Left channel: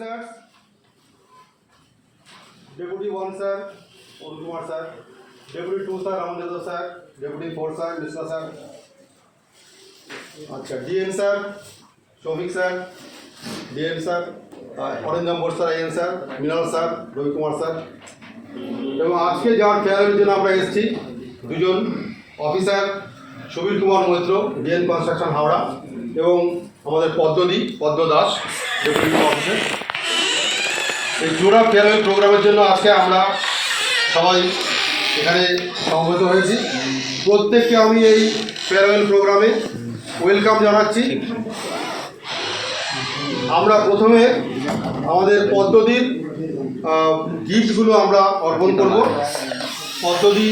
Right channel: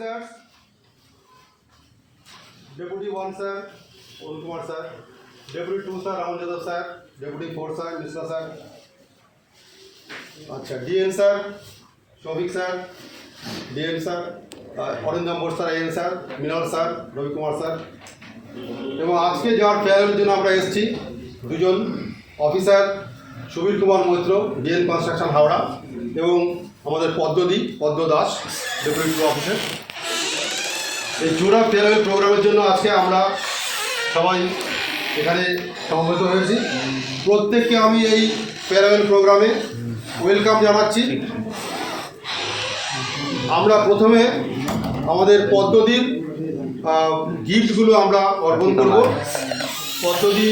Officers, Deputy 1 sir, Arun Kumar sir, Deputy 2 sir, Raman Yadav sir, Deputy 4 sir, Mishra sir, अच्छा DN sir, Shobik sir, DN sir, Orange Board sir, IN sir, Minal sir, Ravi Kumar sir, এবং আজকে যার ফেয়ারের জন্য আমরা এসেছি দুজন officer Subir Kumar Maitra DN construction Howrah এবং আমাদের পদ্ম দাস ডেপুটি অফিসার। এই জোড়া ফেয়ারওয়েল প্রোগ্রামের জন্য আজকে আমরা সবাই এখানে সমবেত হয়েছি। প্রত্যেককে আমি এই ফেয়ারওয়েল প্রোগ্রামে ওয়েলকাম জানাচ্ছি। আমরা প্রথমে আমাদের পদ্মদির গিফটগুলো আমরা অর্পণ করব। পদ্মদি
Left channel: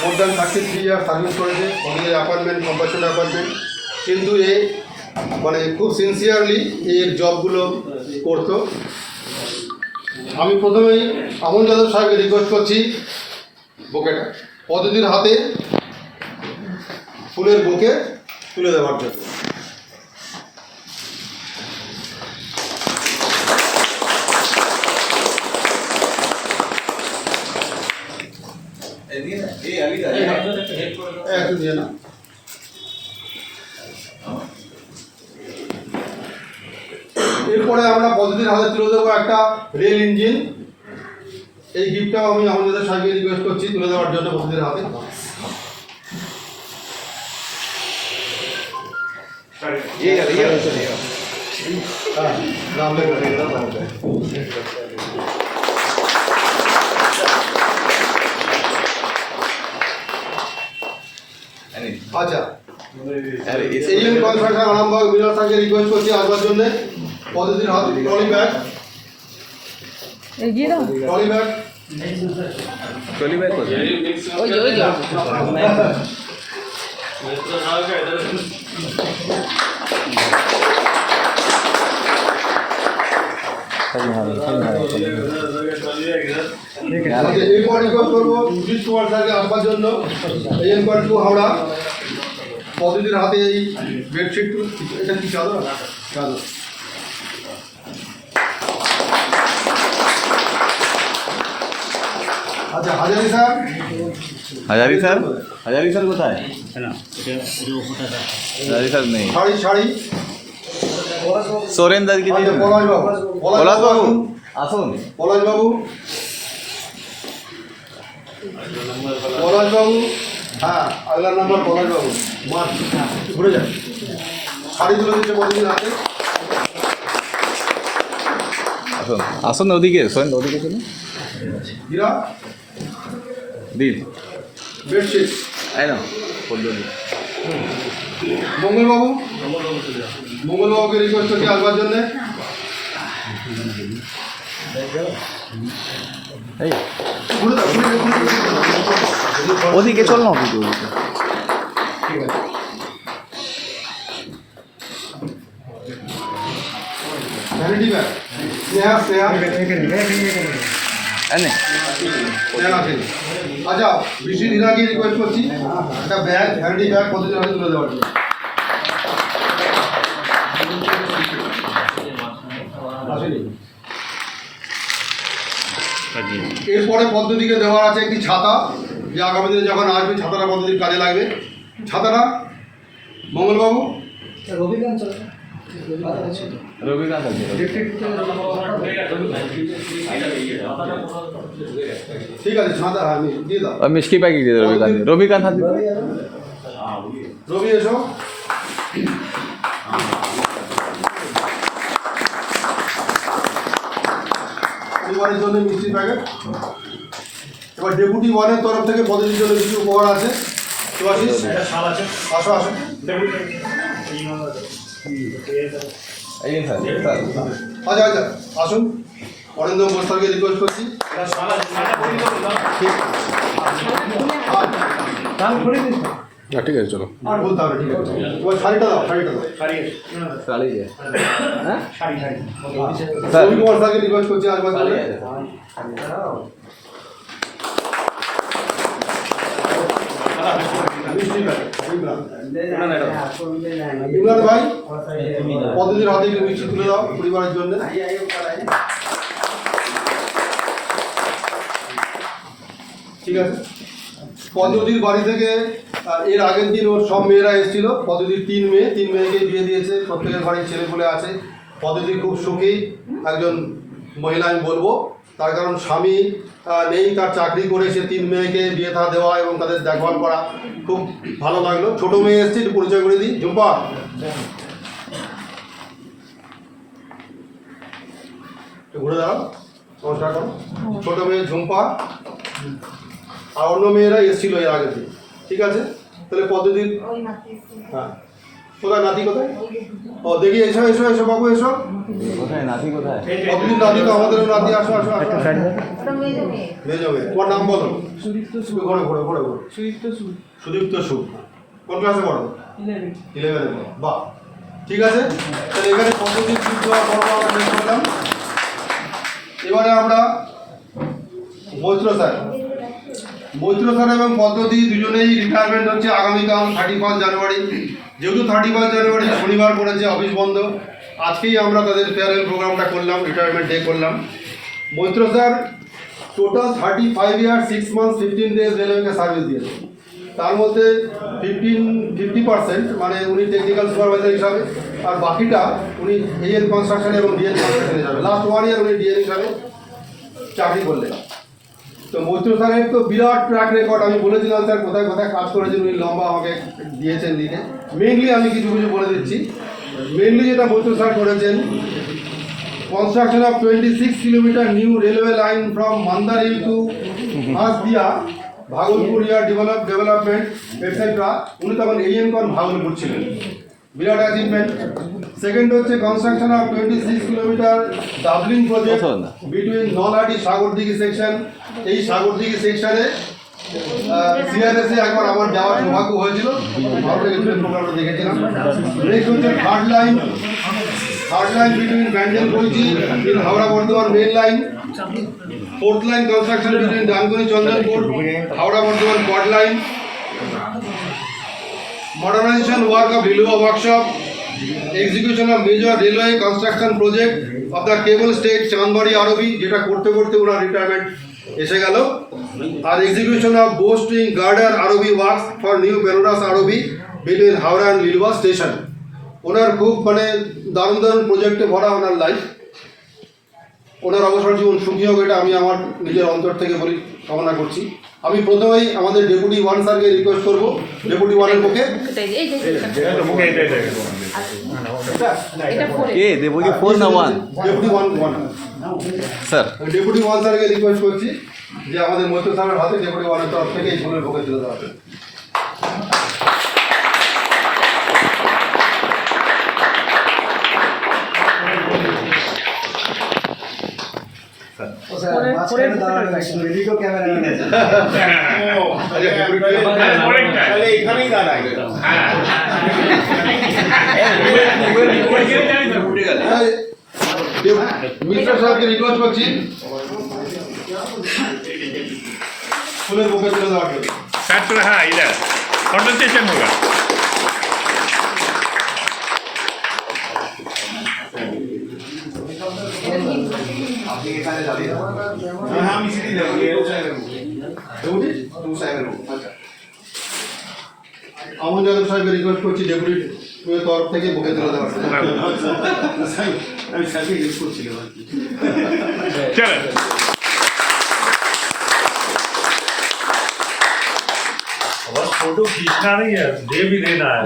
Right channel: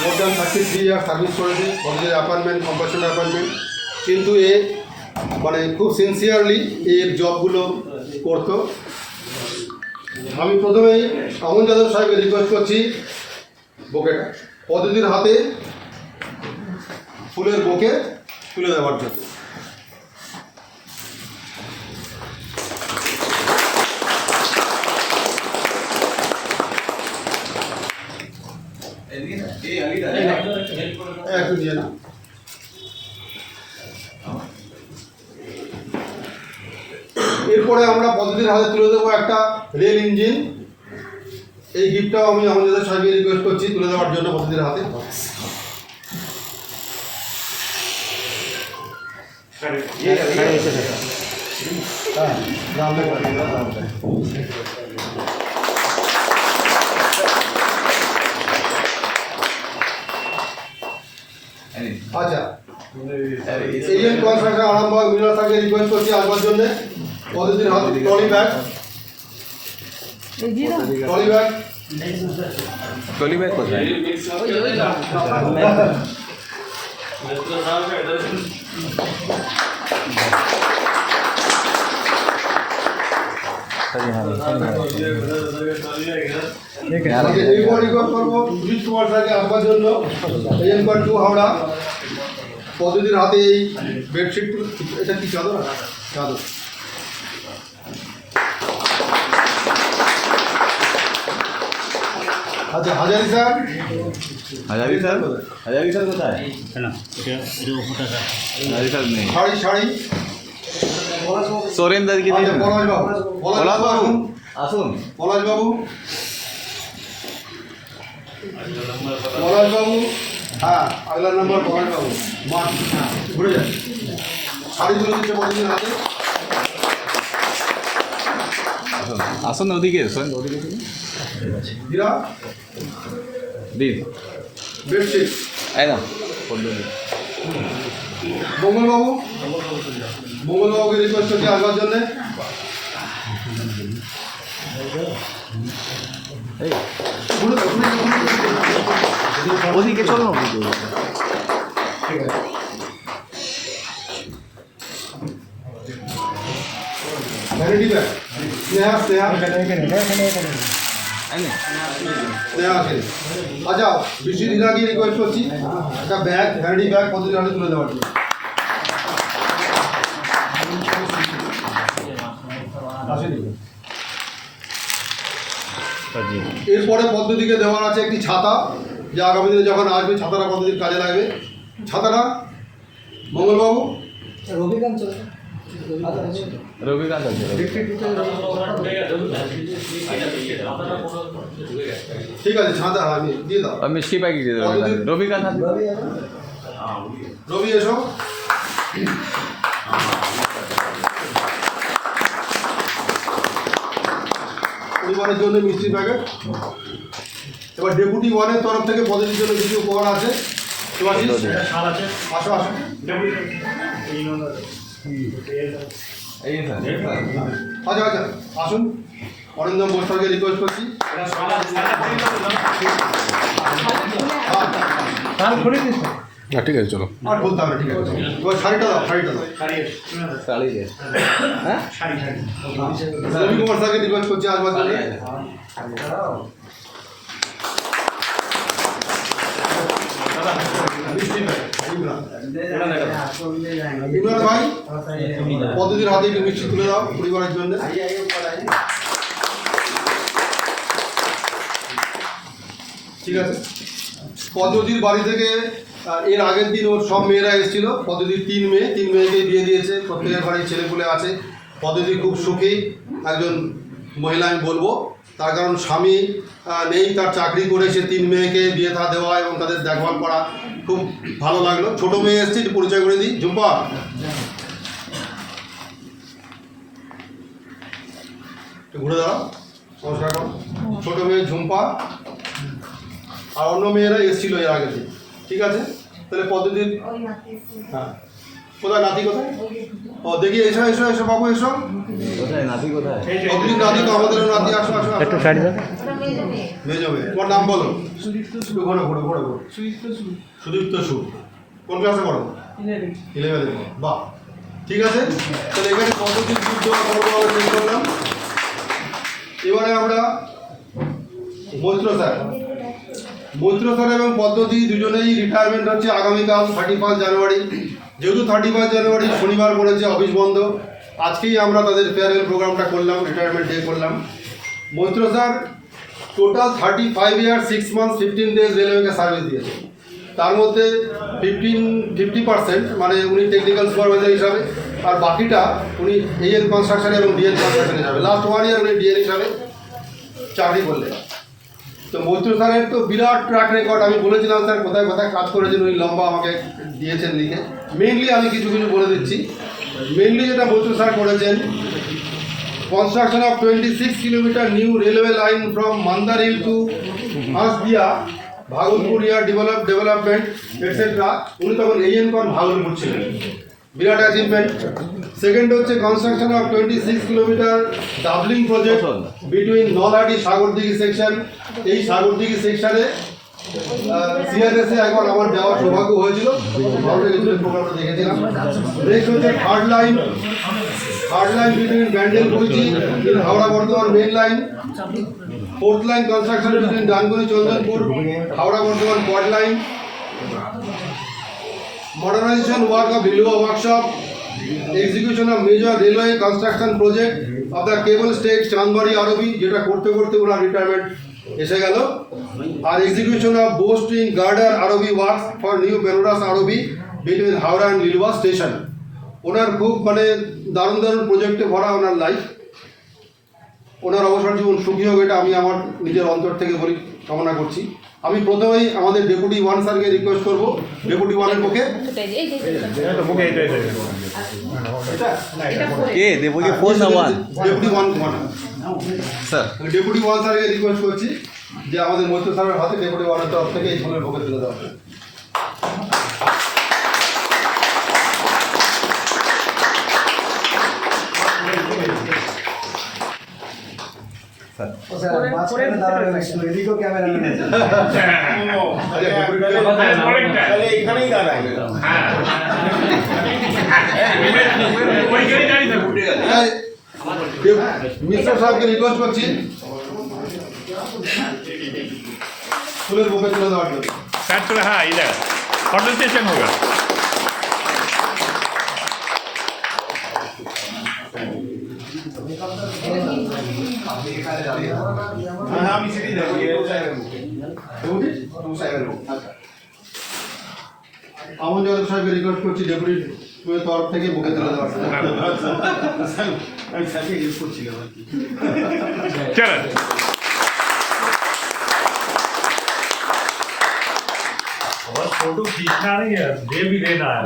মোর দ্যান 33 ইয়ার সার্ভিস করেছে, পদ্মদির অ্যাপয়েন্টমেন্ট কম্পাসেন্ট অ্যাপয়েন্টমেন্ট, কিন্তু এ মানে খুব সিনসিয়ারলি এর জবগুলো করতো। আমি প্রথমেই আমন যাদব সাহেবকে রিকোয়েস্ট করছি বোকেটা পদ্মদির হাতে ফুলের বোকে তুলে দেওয়ার জন্য। একটু দিয়ে না, এরপরে আমরা পদ্ধতির হাতে তুলে দেবো একটা রেল ইঞ্জিন। এই গিফটটাও আমি আমাদের সাথে রিকোয়েস্ট করছি তুলে দেওয়ার জন্য পদ্ধতির হাতে। আচ্ছা এজিএম কনস্ট্রাকশন আরামবাগ মিনার স্যারকে রিকোয়েস্ট করছি আসবার জন্য পদ্ধতির হাতে ট্রলি ব্যাগ হাওড়া পদ্ধতির হাতে এই বেডশিট। এটা কি চাদর? চাদর। আচ্ছা হাজারি স্যার কোথায়? শাড়ি सोरेंदर की পলাশবাবু আসুন। পলাশবাবু হ্যাঁ আগলার নাম্বার পলাশবাবু মাঠ ঘুরে যান। শাড়িগুলো দিতে বলছেন হাতে। আসুন আসুন ওদিকে ওদিকে চলুন। হীরা দিন বেডশিট একদম পদ্ধতি। মঙ্গলবাবুকে রিকোয়েস্ট করছি আসবার জন্যে। ওদিকে চল না ঠিক আছে। ভ্যানিটি ব্যাগ স্নেহা আছেন। আচ্ছা বৃষ্টি দিনাকে রিকোয়েস্ট করছি একটা ব্যাগ ভ্যানিটি ব্যাগ পদ্ধতি হাতে তুলে দেওয়ার জন্য। এরপরে পদ্ধতিকে দেওয়ার আছে একটি ছাতা, যে আগামী দিনে যখন আসবে ছাতাটা পদ্ধতির কাজে লাগবে। ছাতাটা মঙ্গলবাবু রবিকান্ত ঠিক আছে ছাতা আমি দিয়ে দাও। মিষ্টি প্যাকেট দিয়ে রবিকান্ত রবি এসো। পরিবারের জন্য মিষ্টি প্যাকেট। এবার ডেপুটি 1-এর তরফ থেকে পদ্ধতির জন্য কিছু উপহার আছে। আসো আসো আচ্ছা আসুন। অরিন্দম বস্তারকে রিকোয়েস্ট করছি। ঠিক আছে চলো আর বলতে হবে। ঠিক আছে এবার শাড়িটা দাও। রবি কুমার স্যারকে রিকোয়েস্ট করছি আসবার জন্য। মিষ্টি প্যাকেট ইমরান ভাই পদ্ধতির হাতে একটু মিষ্টি তুলে দাও পরিবারের জন্য। ঠিক আছে। পদ্ধতির বাড়ি থেকে এর আগের দিন ওর সব মেয়েরা এসেছিল। পদ্ধতির 3 মেয়েকে বিয়ে দিয়েছে, প্রত্যেকের বাড়ির ছেলেপুলে আছে। পদ্ধতি খুব সুখী একজন মহিলা আমি বলবো, তার কারণ স্বামী নেই, তার চাকরি করে সে 3 মেয়েকে বিয়ে থা দেওয়া এবং তাদের দেখভাল করা খুব ভালো লাগলো। ছোট মেয়ে এসছে, একটু পরিচয় করে দিই। ঝুম্পা, একটু ঘুরে দাঁড়াও, নমস্কার করো। ছোট মেয়ে ঝুম্পা আর অন্য মেয়েরা এসেছিল এর আগের দিন। ঠিক আছে, তাহলে পদ্ধতির হ্যাঁ কোথায় নাতি কোথায়? ও দেখি, এসো এসো এসো বাবু এসো। পদ্ধতির নাতি তো আমাদেরও নাতি। আসো আসো আসো। মেয়ে যাবে। তোমার নাম বলো। ঘোরো ঘোরো ঘোরো ঘোরো। সুদীপ্ত সুর। কোন ক্লাসে পড়ো? 11-এ পড়ো। বাহ, ঠিক আছে। তাহলে এখানে পদ্ধতির যুদ্ধ দেওয়ার পর্ব আমরা শেষ করলাম। এবারে আমরা মৈত্র স্যার এবং পদ্ধতি দুজনেই রিটায়ারমেন্ট হচ্ছে আগামীকাল 31 জানুয়ারি। যেহেতু 31 জানুয়ারি শনিবার পড়েছে, অফিস বন্ধ, আজকেই আমরা তাদের ফেয়ারওয়েল প্রোগ্রামটা করলাম, রিটায়ারমেন্ট ডে করলাম। Maitra sir total 35 years 6 months 15 days রেলওয়েকে সার্ভিস দিয়েছে। তার মধ্যে 50% মানে উনি টেকনিক্যাল সুপারভাইজার হিসাবে, আর বাকিটা উনি এএন কনস্ট্রাকশন এবং ডিএন কনস্ট্রাকশন হিসাবে। লাস্ট 1 ইয়ার উনি ডিএন হিসাবে চাকরি করলেন। তো মৈত্র স্যারের তো বিরাট ট্র্যাক রেকর্ড। আমি বলেছিলাম স্যার কোথায় কোথায় কাজ করেছেন, উনি লম্বা আমাকে দিয়েছেন লিখে। মেইনলি আমি কিছু বলে দিচ্ছি। মেইনলি যেটা মৈত্র স্যার করেছেন, construction of 26 kilometre new railway line from Mandarhill to Hansdiha, Bhagalpur yard development etcetera. উনি তখন এএন কন ভাগলপুর ছিলেন, বিরাট অ্যাচিভমেন্ট। সেকেন্ড হচ্ছে construction of 26 kilometre doubling project between Nalhati Sagardighi section. এই সাগরদিঘি সেকশনে সিআরএসে একবার আমার যাওয়ার সৌভাগ্য হয়েছিল, প্রোগ্রামটা দেখেছিলাম। নেক্সট হচ্ছে third line between Bandel Boinchi in Howrah Bardhaman main line. Fourth line construction between Dankuni Chandanpur Howrah Bardhaman quad line. Modernization work of Lilua workshop, execution of major railway construction project of the cable state Chandbari ROB, যেটা করতে করতে ওনার রিটায়ারমেন্ট এসে গেল। আর execution of bowstring girder ROB works for new Benaras ROB between Howrah and Liluah station. ওনার খুব মানে দারুণ দারুণ প্রজেক্টে ভরা ওনার লাইফ। ওনার অবসর জীবন সুখী হোক, এটা আমি আমার নিজের অন্তর থেকে বলি, কামনা করছি। আমি প্রথমেই আমাদের ডেপুটি 1 স্যারকে রিকোয়েস্ট করবো, ডেপুটি 1-এর পক্ষে। ডেপুটি 1 স্যার, ডেপুটি 1 স্যারকে রিকোয়েস্ট করছি যে আমাদের মৈত্র স্যারের হাতে ডেপুটি 1-এর তরফ থেকে এই ফুলের পক্ষে তুলে দেওয়া হবে। এখানেই দাঁড়াই। মিশ্র স্যারকে রিকোয়েস্ট করছি ফুলের বুকে তুলে দেওয়ার জন্য। सर तो हाँ इधर कंसंट्रेशन होगा। আমন যাদব সাহেবকে রিকোয়েস্ট করছি ডেপুটি তরফ থেকে বুকে তুলে দেওয়ার জন্য। चलो और फोटो खींचना नहीं है, दे भी देना है।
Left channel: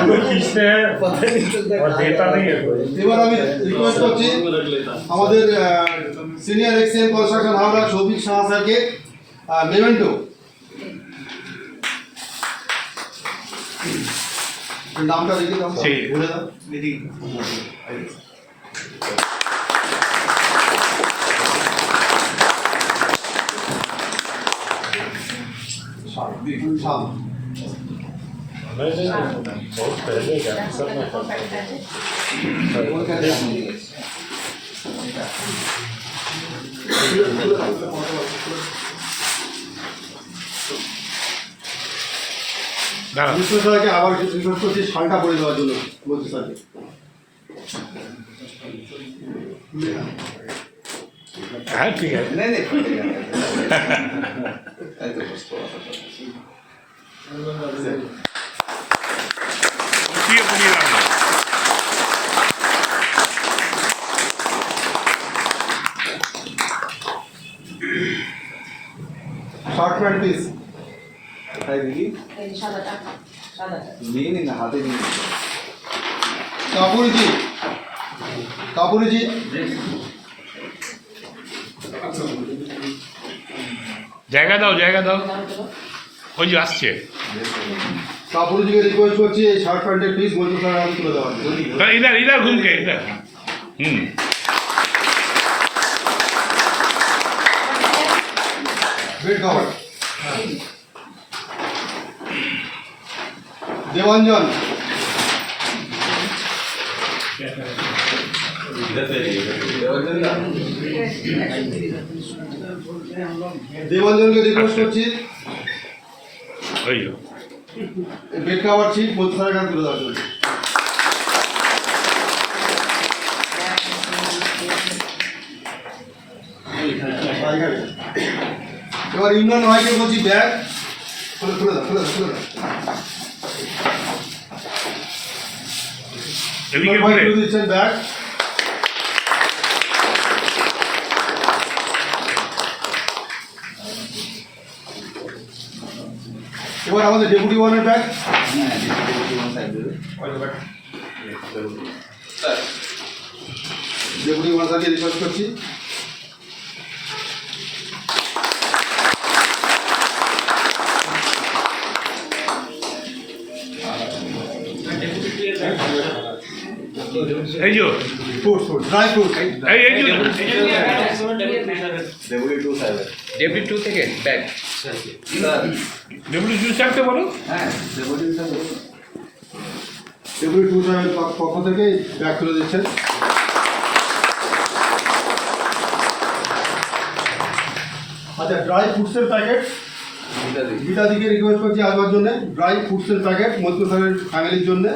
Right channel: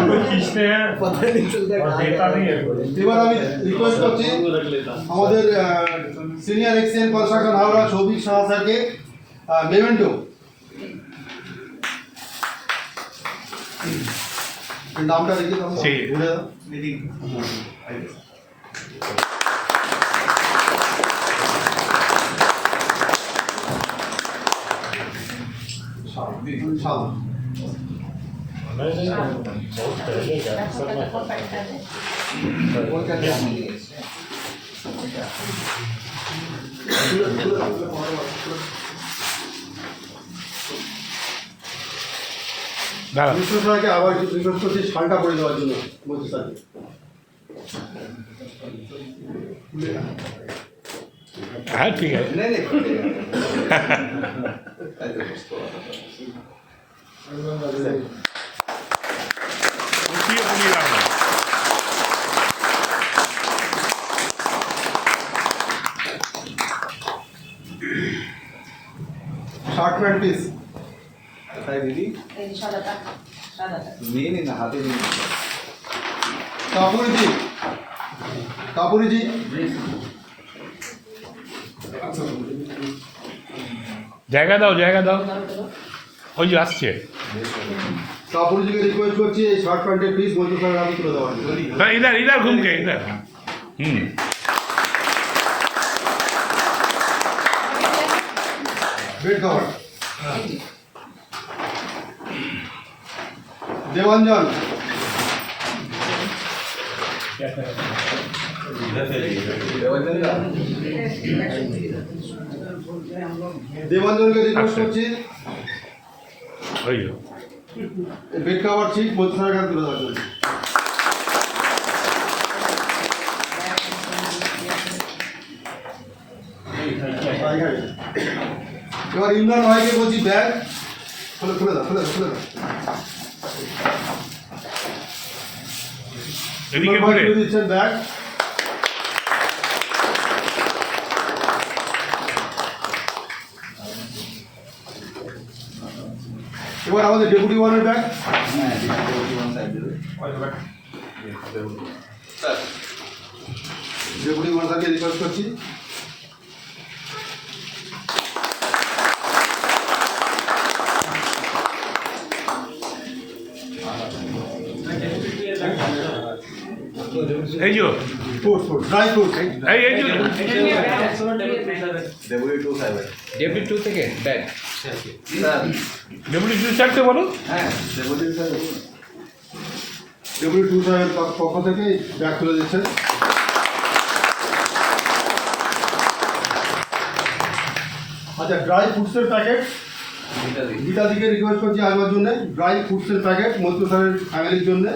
फोटो खींचते हैं और देता नहीं है कोई। এবার আমি রিকোয়েস্ট করছি আমাদের সিনিয়র এক্সিএন কনস্ট্রাকশন হাওড়া সৌভিক সাহা স্যারকে মেমেন্টো নামটা লিখে দাও, বলে দাও। बहुत पहले का सब দাঁড়ান বিষ্ণু স্যারকে আবার রিকোয়েস্ট করছি শালটা করে দেওয়ার জন্য মন্ত্রী স্যারকে। হ্যাঁ ঠিক আছে উঠিয়ে পুড়িয়ে রাখলাম শার্ট প্যান্ট পিস কাপুরিজি কাপুরিজি জায়গা দাও ওই যে আসছে কাপুরিজিকে রিকোয়েস্ট করছি এই শার্ট প্যান্টের পিস মন্ত্রী স্যারের হাতে তুলে দেওয়ার জন্য। ইধার ঘুমকে ইধার বেড কভার দেবাঞ্জন দেবাঞ্জনকে রিকোয়েস্ট করছি ওই বেড কভার ছিট মন্ত্রী স্যারের হাতে তুলে দেওয়ার জন্য। এবার ইমরান ভাইকে বলছি ব্যাগ খুলে দাও এদিকে ভাই ঘুরে খুলে দিচ্ছেন ব্যাগ। এবার আমাদের ডেপুটি ওয়ানের ব্যাগ ডেপুটি ওয়ান স্যারকে রিকোয়েস্ট করছি এই যে ফ্রুটস ড্রাই ফ্রুটস এই যে ডেবিট 2 থেকে ব্যাগ ডব্লিউ জি স্যারকে বলো ডেপুটি টু সাহেবের পক্ষ থেকে ব্যাগ তুলে দিচ্ছেন। আচ্ছা ড্রাই ফ্রুটসের প্যাকেট গীতাদিকে রিকোয়েস্ট করছি আসবার জন্য ড্রাই ফ্রুটসের প্যাকেট মন্ত্রী স্যারের ফ্যামিলির জন্য।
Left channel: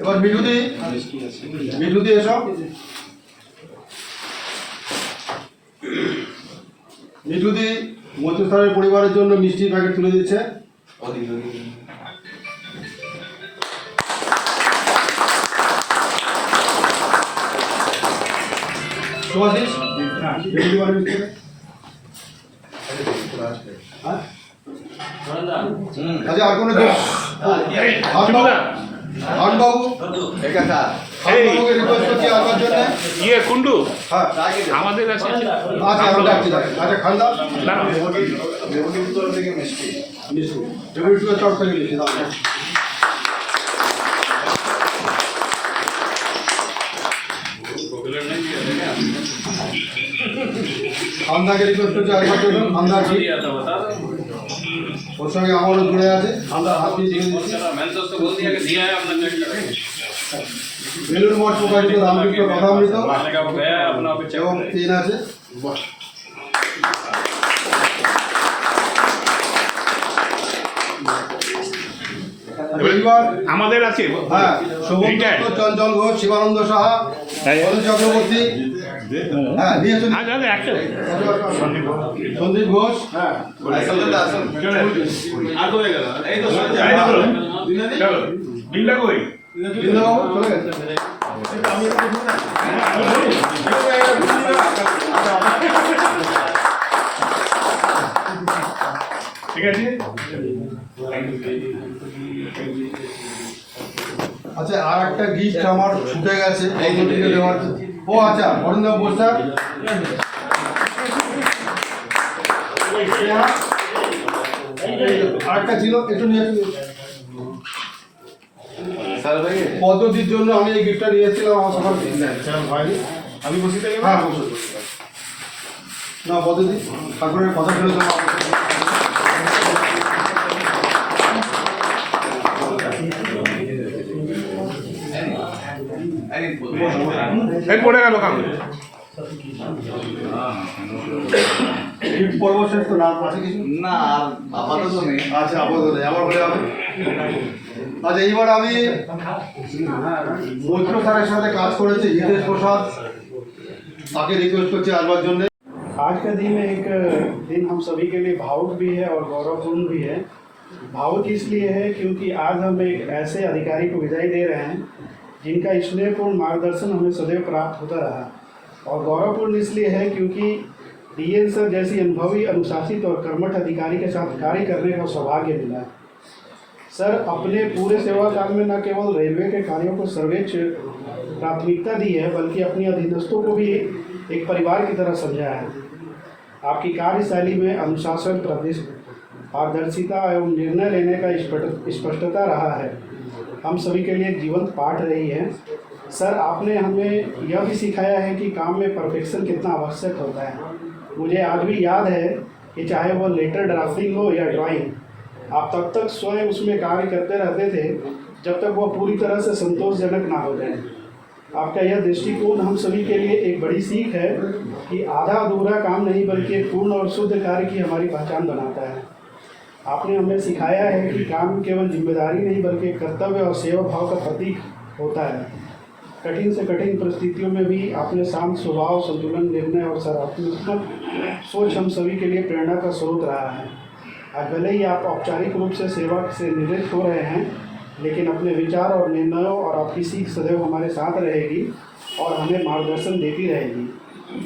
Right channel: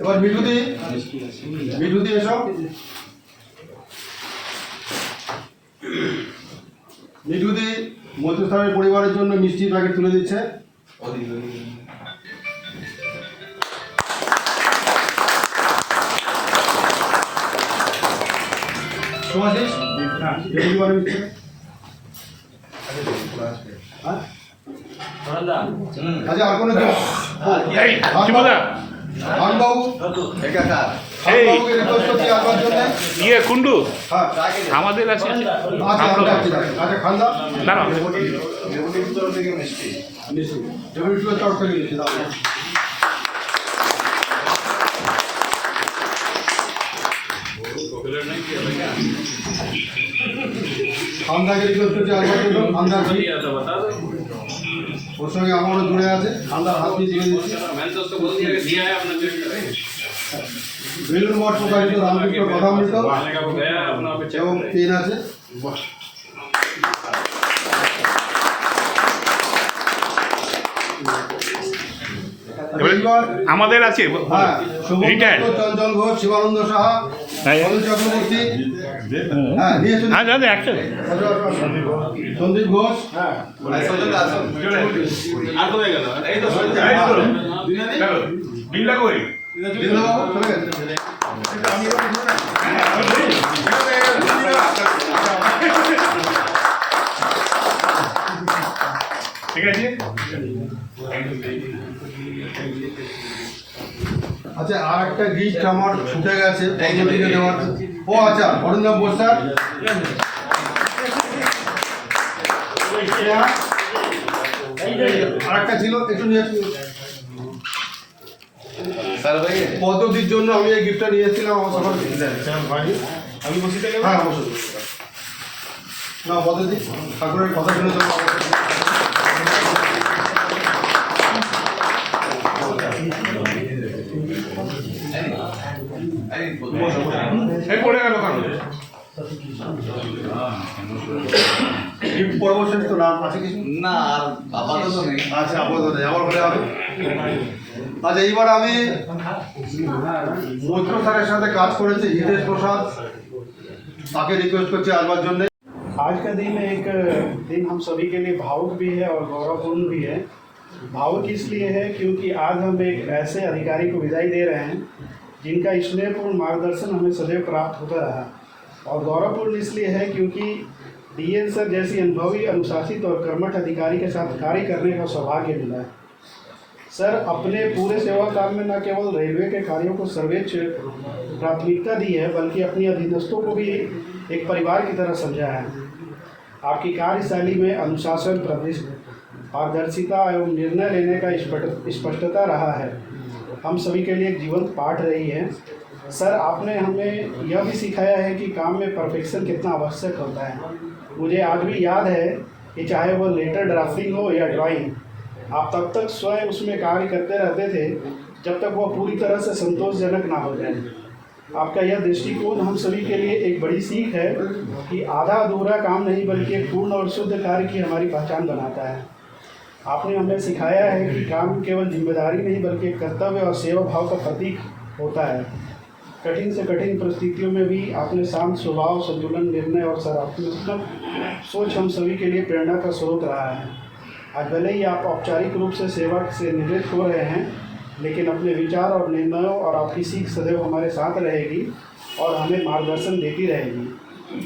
এবার মিঠুদি এসো মিঠুদি মন্ত্রী স্যারের পরিবারের জন্য মিষ্টি প্যাকেট তুলে দিচ্ছে। সুভাষিস ডেপুটি ওয়ান মিষ্টি হ্যাঁ? আচ্ছা আর কোনো বাবু বাবুকে রিকোয়েস্ট করছি আসবার জন্য। ইয়ে কুন্ডু হ্যাঁ আমাদের আছে আচ্ছা আমি ডাকছি আচ্ছা খান্দা দাঁড়াও ডেপুটি তরফ থেকে মিষ্টি ডেপুটি তরফ থেকে মিষ্টি দাও। খান্দাকে রিকোয়েস্ট করছি আসবার জন্য খান্দা ওর সঙ্গে আমারও জুড়ে আছে খান্দার হাত দিয়ে দিয়ে দিচ্ছি। বেলুর মঠ প্রকাশিত রামকৃষ্ণ কথামৃত এবং পেন আছে। এইবার আমাদের আছে হ্যাঁ শোভন Retired. দত্ত, চঞ্চল ঘোষ, শিবানন্দ সাহা, হ্যাঁ। অনিল চক্রবর্তী হ্যাঁ নিয়ে এসো। হ্যাঁ দাদা একশো সন্দীপ ঘোষ হ্যাঁ বিল্লা কই দীনবাবু চলে গেছে। ঠিক আছে আচ্ছা আর একটা গিফট আমার ছুটে গেছে পদ্ধতিকে দেওয়ার। ও আচ্ছা অরিন্দম বোস স্যার আর একটা ছিল একটু নিয়ে পদ্ধতির জন্য আমি এই গিফটটা নিয়ে এসেছিলাম আমার সকাল হয়নি। আমি বসে থেকে হ্যাঁ অবশ্যই না পদ্ধতি ঠাকুরের কথা শুনে তো এই পড়ে গেল কাগজ। গিফট পর্ব শেষ তো নাম আছে কিছু? না আর আপাতত নেই। আচ্ছা আপাতত নেই, আমার হলে হবে। আচ্ছা এইবার আমি মৈত্র স্যারের সাথে কাজ করেছি হিতেশ প্রসাদ, তাকে রিকোয়েস্ট করছি আসবার জন্য। आज का दिन एक दिन हम सभी के लिए भावुक भी है और गौरवपूर्ण भी है। भावुक इसलिए है क्योंकि आज हम एक ऐसे अधिकारी को विदाई दे रहे हैं जिनका स्नेहपूर्ण मार्गदर्शन हमें सदैव प्राप्त होता रहा, और गौरवपूर्ण इसलिए है क्योंकि डीएन सर जैसी अनुभवी, अनुशासित और कर्मठ अधिकारी के साथ कार्य करने का सौभाग्य मिला है। सर अपने पूरे सेवा काल में न केवल रेलवे के कार्यों को सर्वोच्च प्राथमिकता दी है, बल्कि अपनी अधीनस्थों को भी एक परिवार की तरह समझा है। आपकी कार्यशैली में अनुशासन, पारदर्शिता एवं निर्णय लेने का स्पष्टता रहा है, हम सभी के लिए एक जीवंत पाठ रही है। सर आपने हमें यह भी सिखाया है कि काम में परफेक्शन कितना आवश्यक होता है। मुझे आज भी याद है कि चाहे वह लेटर ड्राफ्टिंग हो या ड्राइंग, आप तब तक स्वयं उसमें कार्य करते रहते थे जब तक वह पूरी तरह से संतोषजनक ना हो जाए। आपका यह दृष्टिकोण हम सभी के लिए एक बड़ी सीख है कि आधा अधूरा काम नहीं बल्कि एक पूर्ण और शुद्ध कार्य की हमारी पहचान बनाता है। आपने हमें सिखाया है कि काम केवल जिम्मेदारी नहीं बल्कि एक कर्तव्य और सेवा भाव का प्रतीक होता है। कठिन से कठिन परिस्थितियों में भी आपने शांत स्वभाव, संतुलन, निर्णय और सकारात्मक सोच हम सभी के लिए प्रेरणा का स्रोत रहा है। आज भले ही आप औपचारिक रूप से सेवा से निवृत्त हो रहे हैं, लेकिन अपने विचार और निर्णयों और आपकी सीख सदैव हमारे साथ रहेगी और हमें मार्गदर्शन देती रहेगी।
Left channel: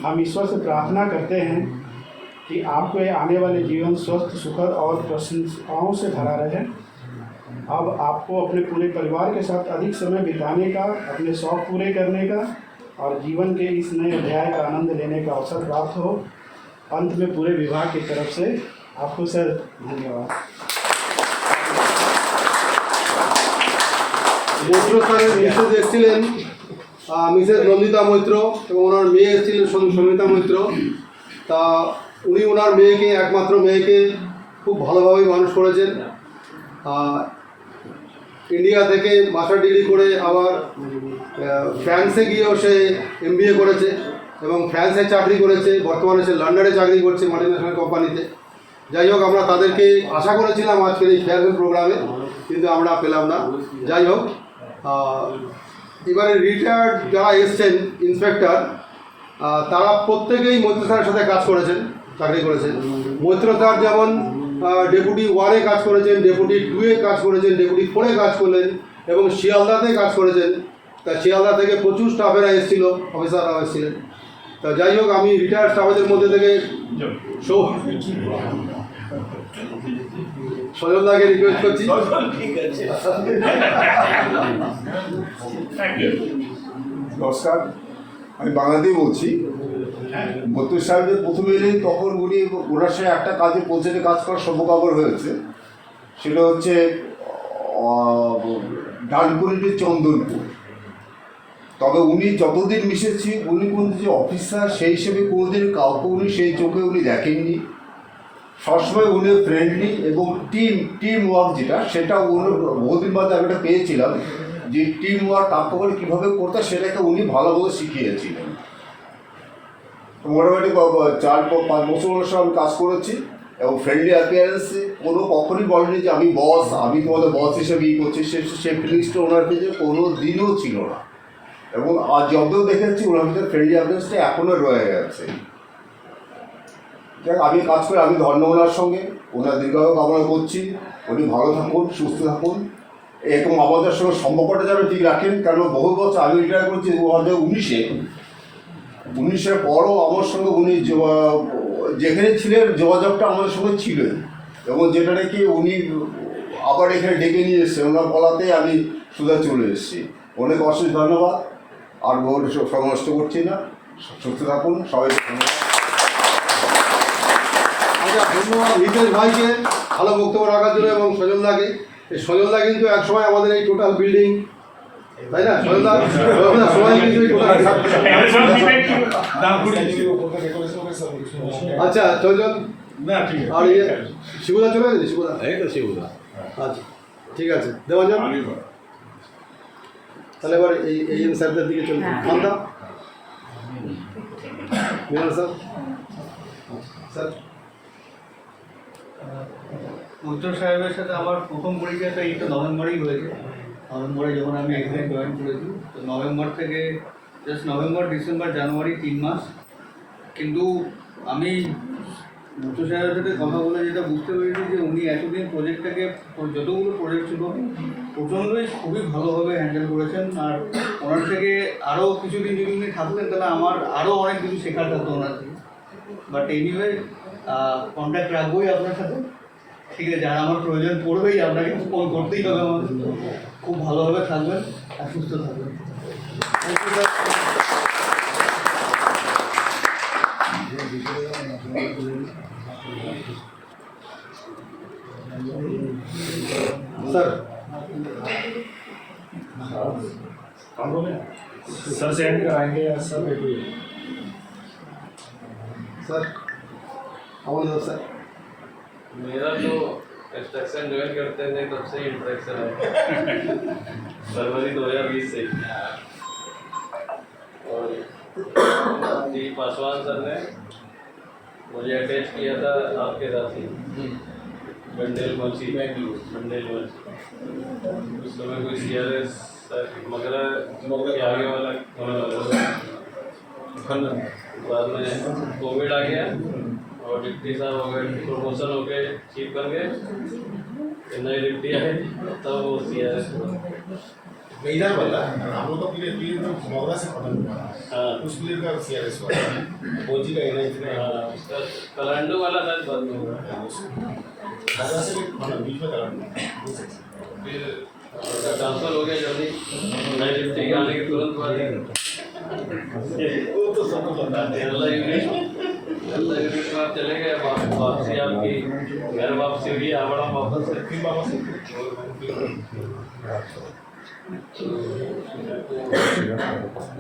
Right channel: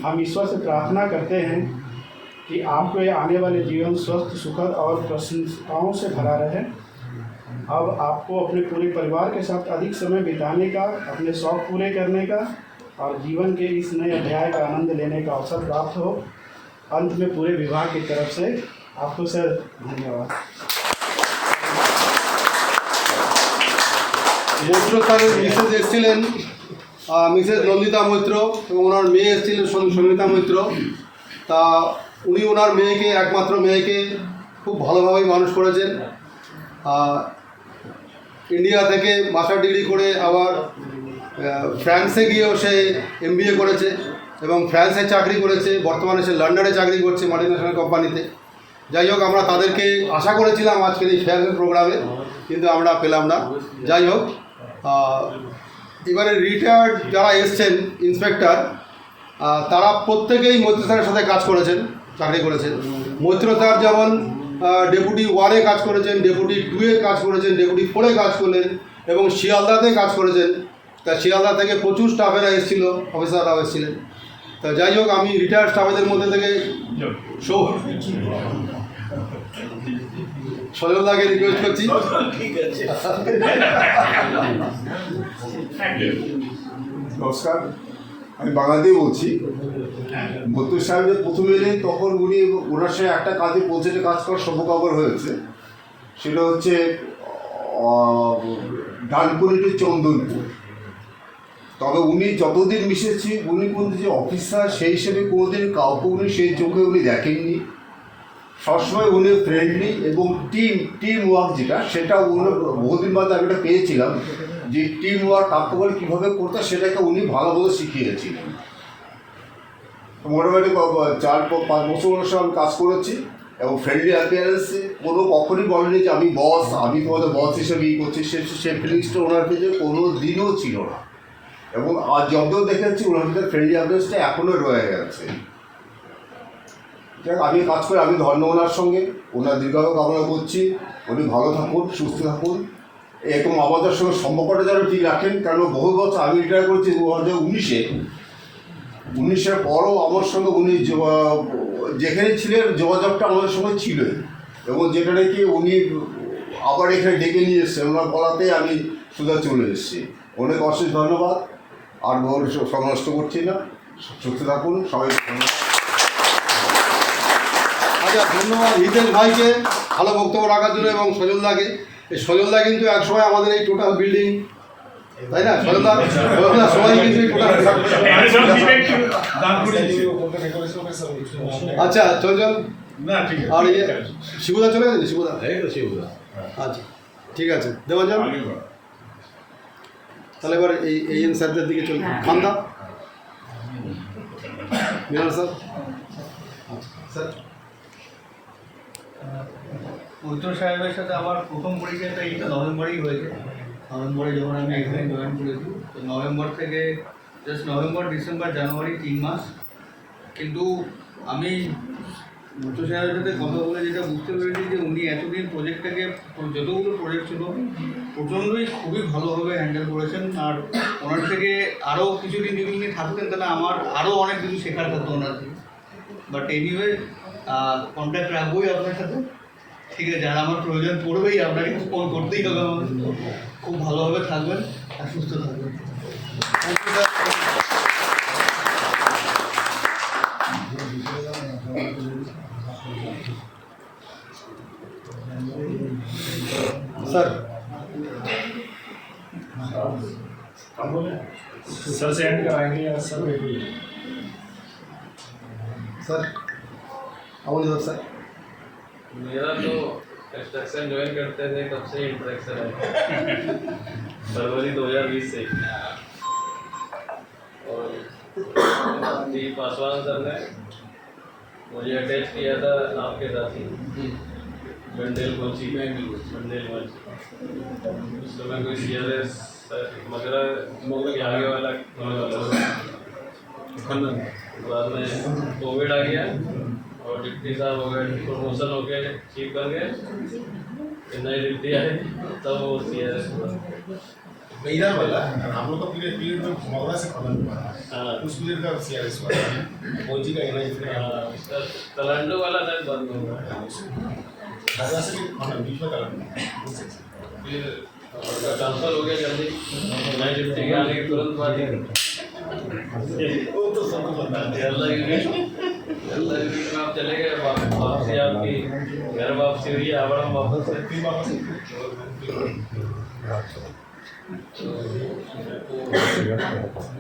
हम ईश्वर से प्रार्थना करते हैं कि आपको ये आने वाले जीवन स्वस्थ, सुखद और प्रशंसाओं से भरा रहे। अब आपको अपने पूरे परिवार के साथ अधिक समय बिताने का, अपने शौक़ पूरे करने का और जीवन के इस नए अध्याय का आनंद लेने का अवसर प्राप्त हो। अंत में पूरे विभाग की तरफ से आपको सर धन्यवाद। মৈত্র স্যারের মিসেস এসেছিলেন মিসেস নন্দিতা মৈত্র, এবং ওনার মেয়ে এসেছিলেন সমিতা মৈত্র। তা উনি ওনার মেয়েকে, একমাত্র মেয়েকে খুব ভালোভাবেই মানুষ করেছেন। ইন্ডিয়া থেকে মাস্টার ডিগ্রি করে আবার ফ্রান্সে গিয়েও সে MBA করেছে এবং ফ্রান্সে চাকরি করেছে। বর্তমানে সে লন্ডনে চাকরি করছে মাল্টিন্যাশনাল কোম্পানিতে। যাই হোক, আমরা তাদেরকে আশা করেছিলাম আজকের এই ফেয়ারওয়েল প্রোগ্রামে, কিন্তু আমরা পেলাম না। যাই হোক, এবারে রিটায়ার্ড যারা এসছেন ইন্সপেক্টর, তারা প্রত্যেকেই মৈত্র স্যারের সাথে কাজ করেছেন, চাকরি করেছেন। মৈত্র স্যার যেমন ডেপুটি 1-এ কাজ করেছেন, ডেপুটি 2-এ কাজ করেছেন, ডেপুটি 4-এ কাজ করলেন এবং শিয়ালদাতে কাজ করেছেন। তা শিয়ালদা থেকে প্রচুর স্টাফেরা এসেছিল, অফিসাররাও এসেছিলেন। তা যাই হোক, আমি রিটায়ার্ড স্টাফেদের মধ্যে থেকে সজলদাকে রিকোয়েস্ট করছি। নমস্কার, আমি বাংলাতেই বলছি। মৈত্র সাহেব প্রথমে এলেন তখন উনি ওনার সঙ্গে একটা কাজে পৌঁছাতে কাজ করার সৌভাগ্য হয়েছে। সেটা হচ্ছে ডানকুনিটি চন্দনপুর। তবে উনি যতদিন মিশেছি, উনি কিন্তু যে অফিসার সেই হিসেবে কোনোদিন কাউকে উনি সেই চোখে উনি দেখেননি। সবসময় উনি ফ্রেন্ডলি এবং টিম ওয়ার্ক যেটা, সেটা উনি বহুদিন বাদে আমি এটা পেয়েছিলাম যে টিম ওয়ার্ক কাকে করে কীভাবে করতে সেটাকে উনি ভালোভাবে শিখিয়েছিলেন। মোটামুটি 4-5 বছর ওনার সঙ্গে আমি কাজ করেছি এবং ফ্রেন্ডলি অ্যাপিয়ারেন্সে কোনো কখনই বলেনি যে আমি বস, আমি তোমাদের বস হিসেবে করছি। সেই ফিলিংসটা ওনার কাছে কোনো দিনও ছিল না। এবং আজ যতদিন দেখেছি ওনার ভিতরে ফ্রেন্ডলি অ্যাপিয়ারেন্সটা এখনও রয়ে গেছে। যাক, আমি কাজ করে আমি ধন্য ওনার সঙ্গে, ওনার দীর্ঘায়ু কামনা করছি। উনি ভালো থাকুন, সুস্থ থাকুন এবং আমাদের সঙ্গে সম্পর্কটা যেন ঠিক রাখেন। কারণ বহু বছর আমি রিটায়ার করছি 2019-এর পরও আমার সঙ্গে উনি যেখানে ছিলেন যোগাযোগটা আমাদের সঙ্গে ছিল, এবং যেটা নাকি উনি আবার এখানে ডেকে নিয়ে এসেছেন ওনার বলাতে আমি সোজা চলে এসেছি। অনেক অশেষ ধন্যবাদ। আর সময় নষ্ট করছি না, সুস্থ থাকুন সবাই। আচ্ছা, ধন্যবাদ হিতেশ ভাইকে ভালো বক্তব্য রাখার জন্য এবং সজলদাকে। এই সজলদা কিন্তু একসময় আমাদের এই টোটাল বিল্ডিং, তাই না সজলদা? সবাই কিন্তু এই টোটাল। আচ্ছা চল আর ইয়ে শিবুদা চলে গেছে? শিবুদা, আচ্ছা ঠিক আছে, দেওয়া যান। তাহলে এবার এই স্যারদের দিকে চলবে মান্দা মৃণাল স্যার স্যার উত্তর সাহেবের সাথে আমার প্রথম পরিচয়টা এইটা নভেম্বরেই হয়েছে। নভেম্বরে যখন আমি এখানে জয়েন করেছি, তো নভেম্বর থেকে জাস্ট নভেম্বর, ডিসেম্বর, জানুয়ারি 3 মাস। কিন্তু আমি উত্তর সাহেবের সাথে কথা বলে যেটা বুঝতে পেরেছি যে উনি এতদিন প্রজেক্টটাকে, যতগুলো প্রজেক্ট ছিল প্রচণ্ডই খুবই ভালোভাবে হ্যান্ডেল করেছেন। আর ওনার থেকে আরও কিছুদিন যদি উনি থাকতেন তাহলে আমার আরও অনেক কিছু শেখার থাকতো ওনার থেকে। বাট এনিওয়ে কন্ট্যাক্ট রাখবোই আপনার সাথে, ঠিক আছে? আর আমার প্রয়োজন পড়বেই, আপনাকে ফোন করতেই হবে আমাদের। খুব ভালোভাবে থাকবেন আর সুস্থ থাকবেন। স্যার सर सेंड कराएंगे या सर? স্যার अमन सर मेरा तो कंस्ट्रक्शन ज्वाइन करते थे तब से इंटरेक्शन है फरवरी 2020 से। और डी पासवान सर ने मुझे अटैच किया था आपके साथ ही बंडेल कोची उस समय कोई CRS मगरा के आगे वाला बाद में कोविड आ गया और डिप्टी साहब हो गए, प्रमोशन हो गए, चीफ बन गए, नए डिप्टी आए तब वो CRS हुआ। इधर वाला हम लोग तो पीरियड तो मोगरा से खत्म हुआ हाँ उस पीरियड का CRS हुआ कोची का एनआई उसका तलांडू वाला था बंद हो गया, मोगरा से भी बीच में कलर फिर उसका ट्रांसफर हो गया जल्दी नए डिप्टी के आने के तुरंत बाद वो तो सब पता है। केरला यूनिट में आप चले गए, वापसी आपकी घर वापसी हुई, आवड़म वापस से फिर वापस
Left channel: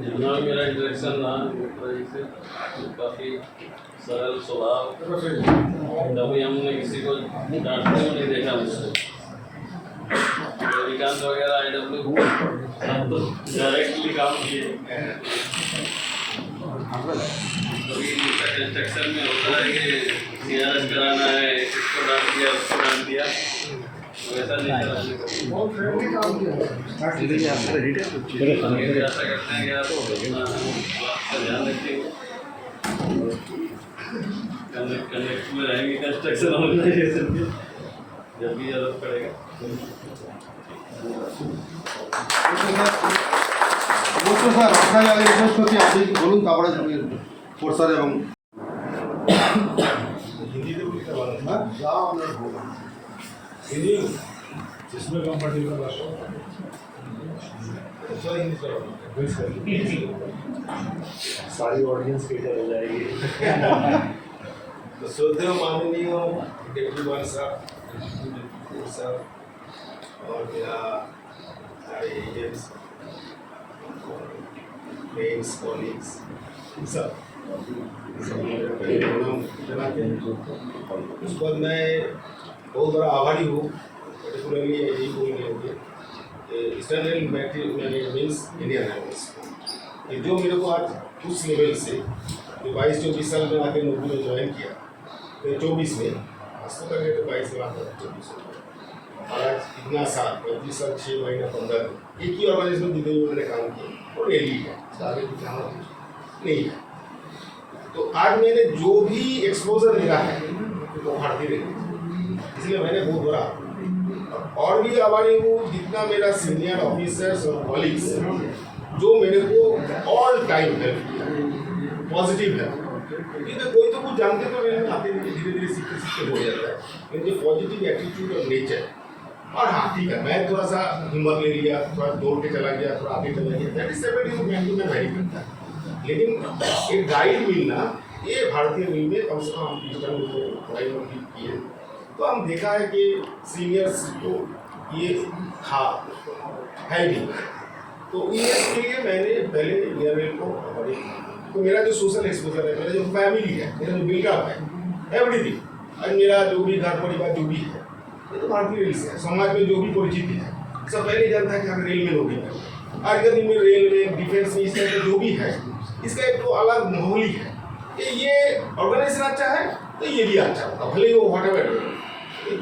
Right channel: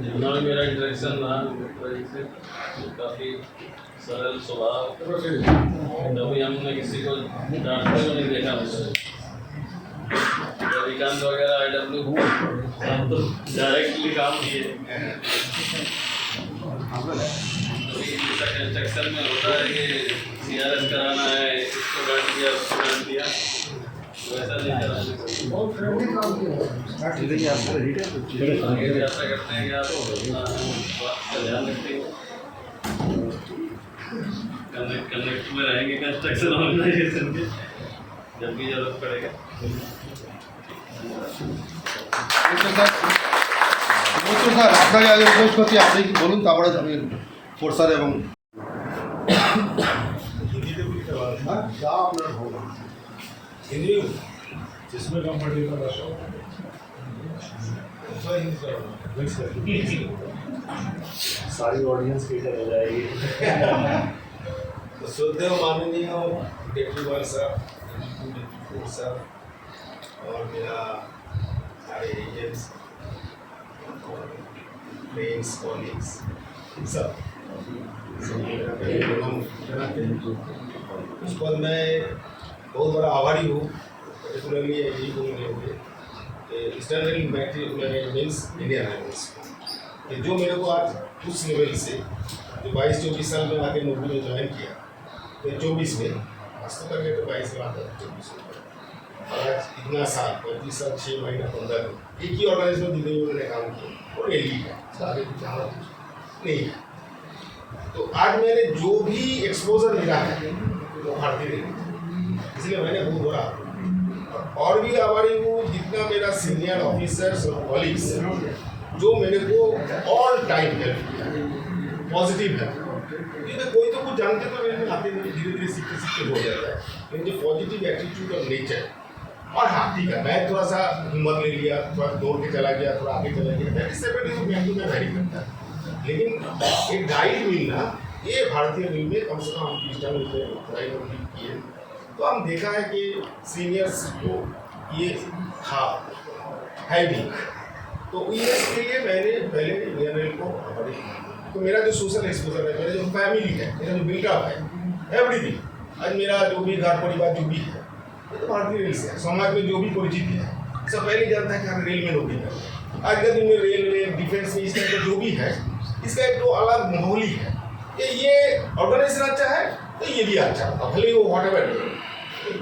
जितना भी मेरा इंटरेक्शन रहा से काफ़ी सरल स्वभाव, कभी हमने किसी को डांटते हुए नहीं देखा मुझसे। रविकांत वगैरह IW हम तो डायरेक्टली काम किए। कंस्ट्रक्शन में होता है कि CRS कराना है, इसको डांट दिया उसको डांट दिया, वैसा नहीं कराने को ऐसा करते हैं कि आप अपना ध्यान रखेंगे, कनेक्ट में रहेंगे कंस्ट्रक्शन ऑर्गेनाइजेशन के जब भी जरूरत पड़ेगा। স্যার আপনাকে আগে রিকোয়েস্ট করছি আপনি কি বলুন, তারপরে স্যার এবং हिंदी तो लिखा हुआ হ্যাঁ যা আপনার বলুন। हिंदी जिसमें कंफर्टेबल है थोड़ा हिंदी सारी ऑडियंस केटर हो जाएगी। तो श्रद्धेय माननीय डिप्टी वन साहब और मेरा सारे एजेंट्स फ्रेंड्स कॉलीग्स सब मेरा पहले प्रणाम करना चाहिए। उस पर मैं बहुत बड़ा आभारी हूँ, पर्टिकुलरली यही बोलेंगे eastern rail means Indian railways कि जो मेरे को आज उस लेवल से जो 22-24 साल में आके नौकरी में ज्वाइन किया, तो 24 में आज तो करके तो 22 के बाद 24 में आज इतना साल 35 साल 6 महीना 15 दिन एक ही ऑर्गेनाइजेशन में जितने भी मैंने काम किया और रेली है आगे कुछ नहीं है। तो आज मैंने जो भी एक्सपोजर मिला है वो भारतीय रेलवे, इसलिए मैंने बहुत बड़ा और भी आभारी हूँ जितना मेरा सीनियर ऑफिसर्स और कॉलीग्स जो मेरे को ऑल टाइम हेल्प किया, पॉजिटिव है। क्योंकि कोई तो कुछ जानते तो रेल में आते नहीं, धीरे धीरे सीखते सीखते हो जाता है, लेकिन जो पॉजिटिव एटीट्यूड और नेचर और हाँ ठीक है मैं थोड़ा सा हिम्मत ले लिया, थोड़ा दौड़ के चला गया, थोड़ा आगे चला गया, दैट इज सेपरेटली मैं वेरी करता है। लेकिन एक गाइड मिलना ये भारतीय रेल में कम से कम हम इस टाइम किए तो हम देखा है कि सीनियर्स को ये था है भी, तो इसके लिए मैंने पहले इंडियन रेल को तो मेरा जो सोशल एक्सपोजर है, मेरा जो फैमिली है, मेरा जो बिल्डअप है, एवरीथिंग आज मेरा जो भी घर परिवार जो भी है ये तो भारतीय रेल से है। समाज में जो भी परिचिति है सब पहले जानता है कि हमें रेल में नौकरी है, आगे दिन में रेलवे डिफेंस में इस टाइप का जो भी है, इसका एक तो अलग माहौल ही है कि ये ऑर्गेनाइजेशन अच्छा है तो ये भी अच्छा होगा, भले वो व्हाटएवर।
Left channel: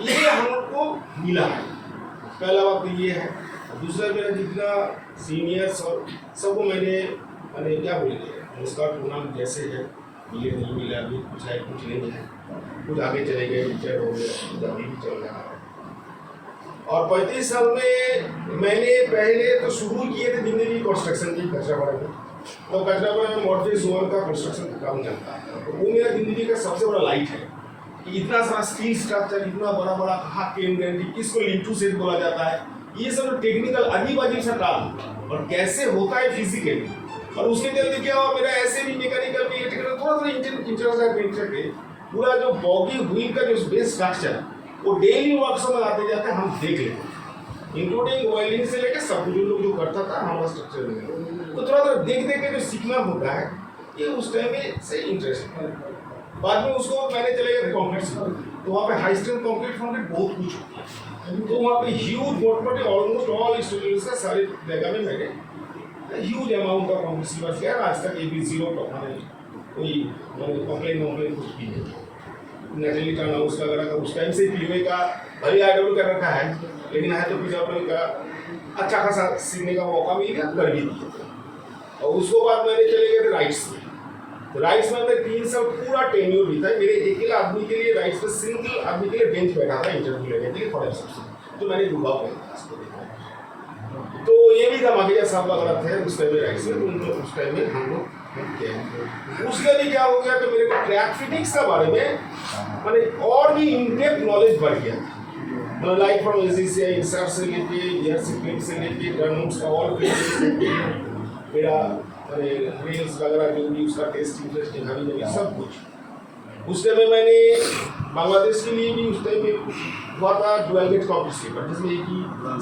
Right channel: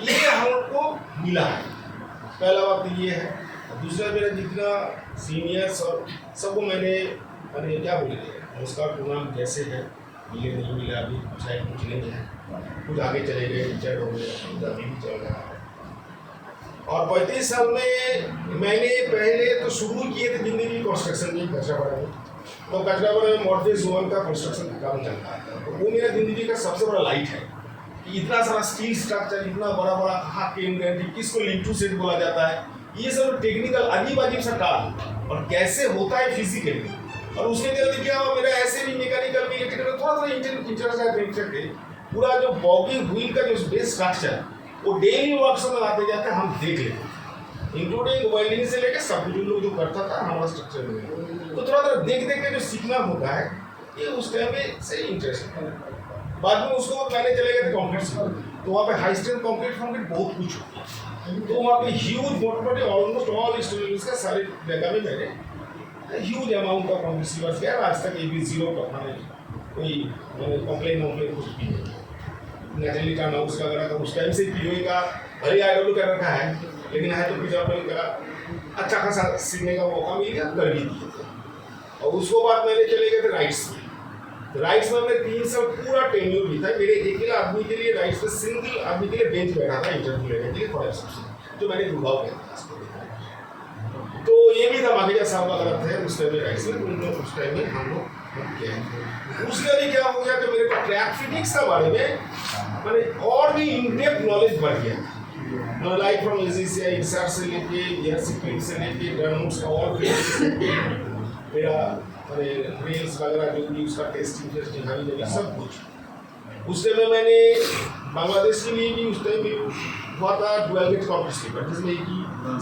ये हम लोग को मिला है, पहला बात तो ये है। दूसरा, मेरा जितना सीनियर्स और सबको मैंने क्या बोलेंगे, नमस्कार प्रणाम जैसे है, मिले नहीं मिला अभी कुछ है कुछ नहीं है, कुछ आगे चले गए, रिटायर हो गए, कुछ अभी भी चल रहा है। और 35 साल में मैंने पहले तो शुरू किए थे जिंदगी कंस्ट्रक्शन की, कचरापाड़ा में। तो कचरापाड़ा में मॉर्गेज लोन का कंस्ट्रक्शन का काम चलता है, तो वो मेरा जिंदगी का सबसे बड़ा लाइट है कि इतना सारा स्टील स्ट्रक्चर, इतना बड़ा बड़ा कहाँ केन गारंटी, किसको लिंटू सेट बोला जाता है, ये सब टेक्निकल अजीब अजीब सा टाल और कैसे होता है फिजिकली। और उसके जल्दी क्या हुआ, मेरा ऐसे भी मैकेनिकल में इलेक्ट्रिकल थोड़ा सा इंटरेस्ट है। पूरा जो बॉगी व्हील का जो बेस स्ट्रक्चर वो डेली वर्कशॉप में आते जाते हम देख लेते हैं, इंक्लूडिंग वेल्डिंग से लेकर सब कुछ लोग जो करता था हमारा स्ट्रक्चर में। तो थोड़ा देख के जो सीखना होता है, ये उस टाइम में सही इंटरेस्ट है। बाद में उसको मैंने चले गए थे कॉन्क्रीट से, तो वहाँ पे हाई स्ट्रेंथ कॉन्क्रीट बहुत कुछ होता है। तो वहाँ पे ह्यूज मोटे ऑलमोस्ट ऑल स्टूडेंट्स का सारे जगह में मैंने ह्यूज अमाउंट का कॉन्क्रीट सीवर किया। आज तक AB0 का कोई कंप्लेन कुछ भी नहीं। नेचुरली टर्न हाउस का वगैरह का उस टाइम से पीओए का भले IW कर रखा है, लेकिन है तो PW का अच्छा खासा सीखने का मौका मिल गया, कर भी दिया। और उसको बाद मैंने चले गए थे राइट्स में। तो राइट्स में हमने 3 साल पूरा टेन्योर भी था। मेरे अकेला आदमी के लिए राइट्स में सिंगल आदमी के लिए बेंच बैठा था इंटरव्यू लेने के लिए फॉर सबसे, जो मैंने दुर्भाव किया था। तो ये भी था माखिजा साहब वगैरह थे उस टाइम में राइट्स में, तो उन लोग उस टाइम में हम लोग उसके भी क्या हो गया कि मेरे को ट्रैक फिटिंग्स का बारे में मैंने और भी इनडेप्थ नॉलेज बढ़ गया। मतलब लाइक फ्रॉम इजी से इंसर्ट से लेके गियर स्प्रिंग से लेके टर्न्स का ऑल फिटिंग्स मेरा रेल्स वगैरह जो भी उसका टेस्टिंग हमें सब कुछ। उस टाइम में मैंने बांग्लादेश के लिए भी उस टाइम में हुआ था डुअल गेज कॉम्प्लेक्स स्लीपर, जिसमें कि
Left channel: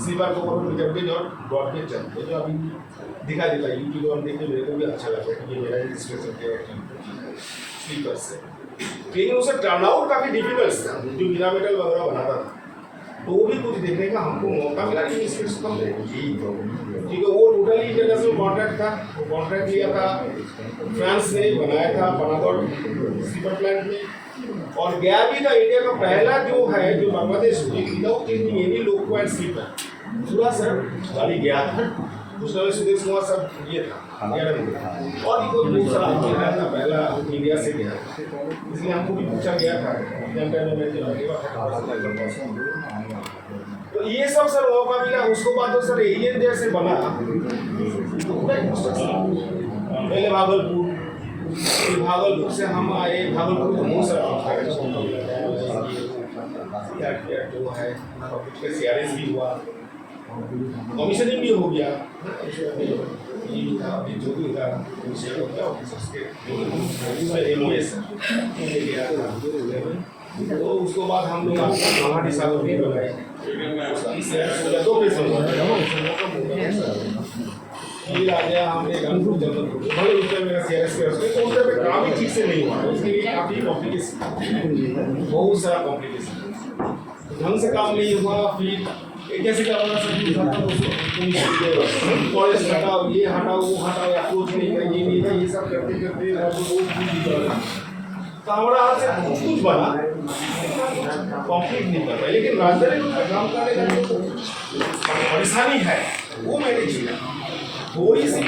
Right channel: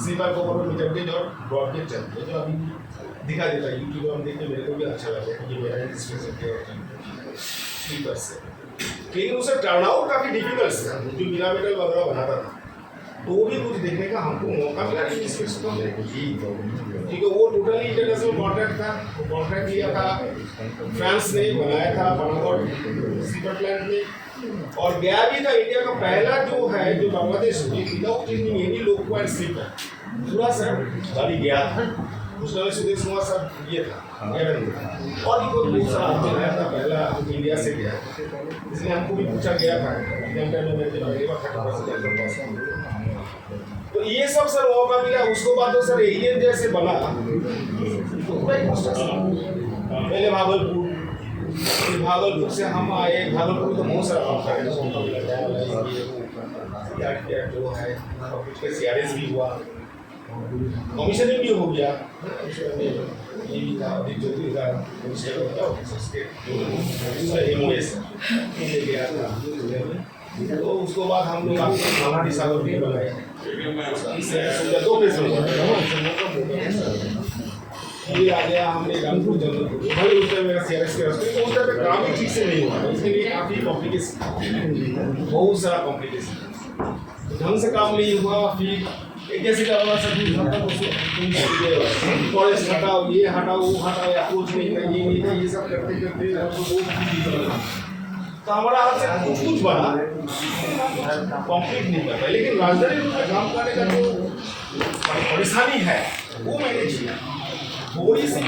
स्लीपर को ऊपर मीटर गेज और ब्रॉड गेज चलते, जो अभी दिखाई देता है यूट्यूब में देख के मेरे को भी अच्छा लगा कि ये मेरा स्पेशल है स्लीपर से। लेकिन उसका टर्नआउट काफ़ी डिफिकल्ट था, जो मीरा मेटल वगैरह बनाता था, तो वो भी कुछ देखने का हमको मौका मिला नहीं इस चीज़ को। ठीक है, वो टोटली इंटरनेशनल कॉन्ट्रैक्ट था, वो कॉन्ट्रैक्ट लिया था फ्रांस ने बनाया था बनागढ़ स्लीपर प्लांट में। और गया भी था इंडिया का पहला जो है जो Bangladesh without any loco and sleeper पूरा सर गाड़ी गया था। उस समय सुदेश कुमार साहब ये था और भी कोई बहुत सारा आदमी आया था, पहला इंडिया से गया, इसलिए हमको भी पूछा गया था। तो ये सब सर मौका मिला। उसको बाद तो सर एलियन जैसे बना तो पूरा पहले भागलपुर से हम आए। भागलपुर को बहुत सारा मौका मिला जो है कुछ का CRS भी हुआ, कमीशनिंग भी हो गया, ये भी था अभी जो भी था कमीशन हो गया उसमें MOS ले गया था। तो उसको बाद हम लोग महाटी सागर भी बनाए, 2 फेज फिर आ गया हमने रामपुर जंगल। भले उस टाइम मेरा CRS के रास्ते तो उस टाइम पे काम ही ठीक से नहीं हुआ, उसके लिए काफ़ी कॉम्प्लिकेशन, बहुत सारा कॉम्प्लिकेशन, ढंग से काम नहीं हुआ। फिर एक जैसे क्या होगा सब कॉलेज हटाओ, ये हटाओ, वो हटाओ, अप्रोच नहीं कर, ये नहीं कर, ये सब करते करते तो हमारा हाथ से कुछ बना कंप्लीट नहीं कर पाए। लेकिन राजधानी रूप में काम करने का जो परेशानी है वो मैंने झेला, थोड़ी सी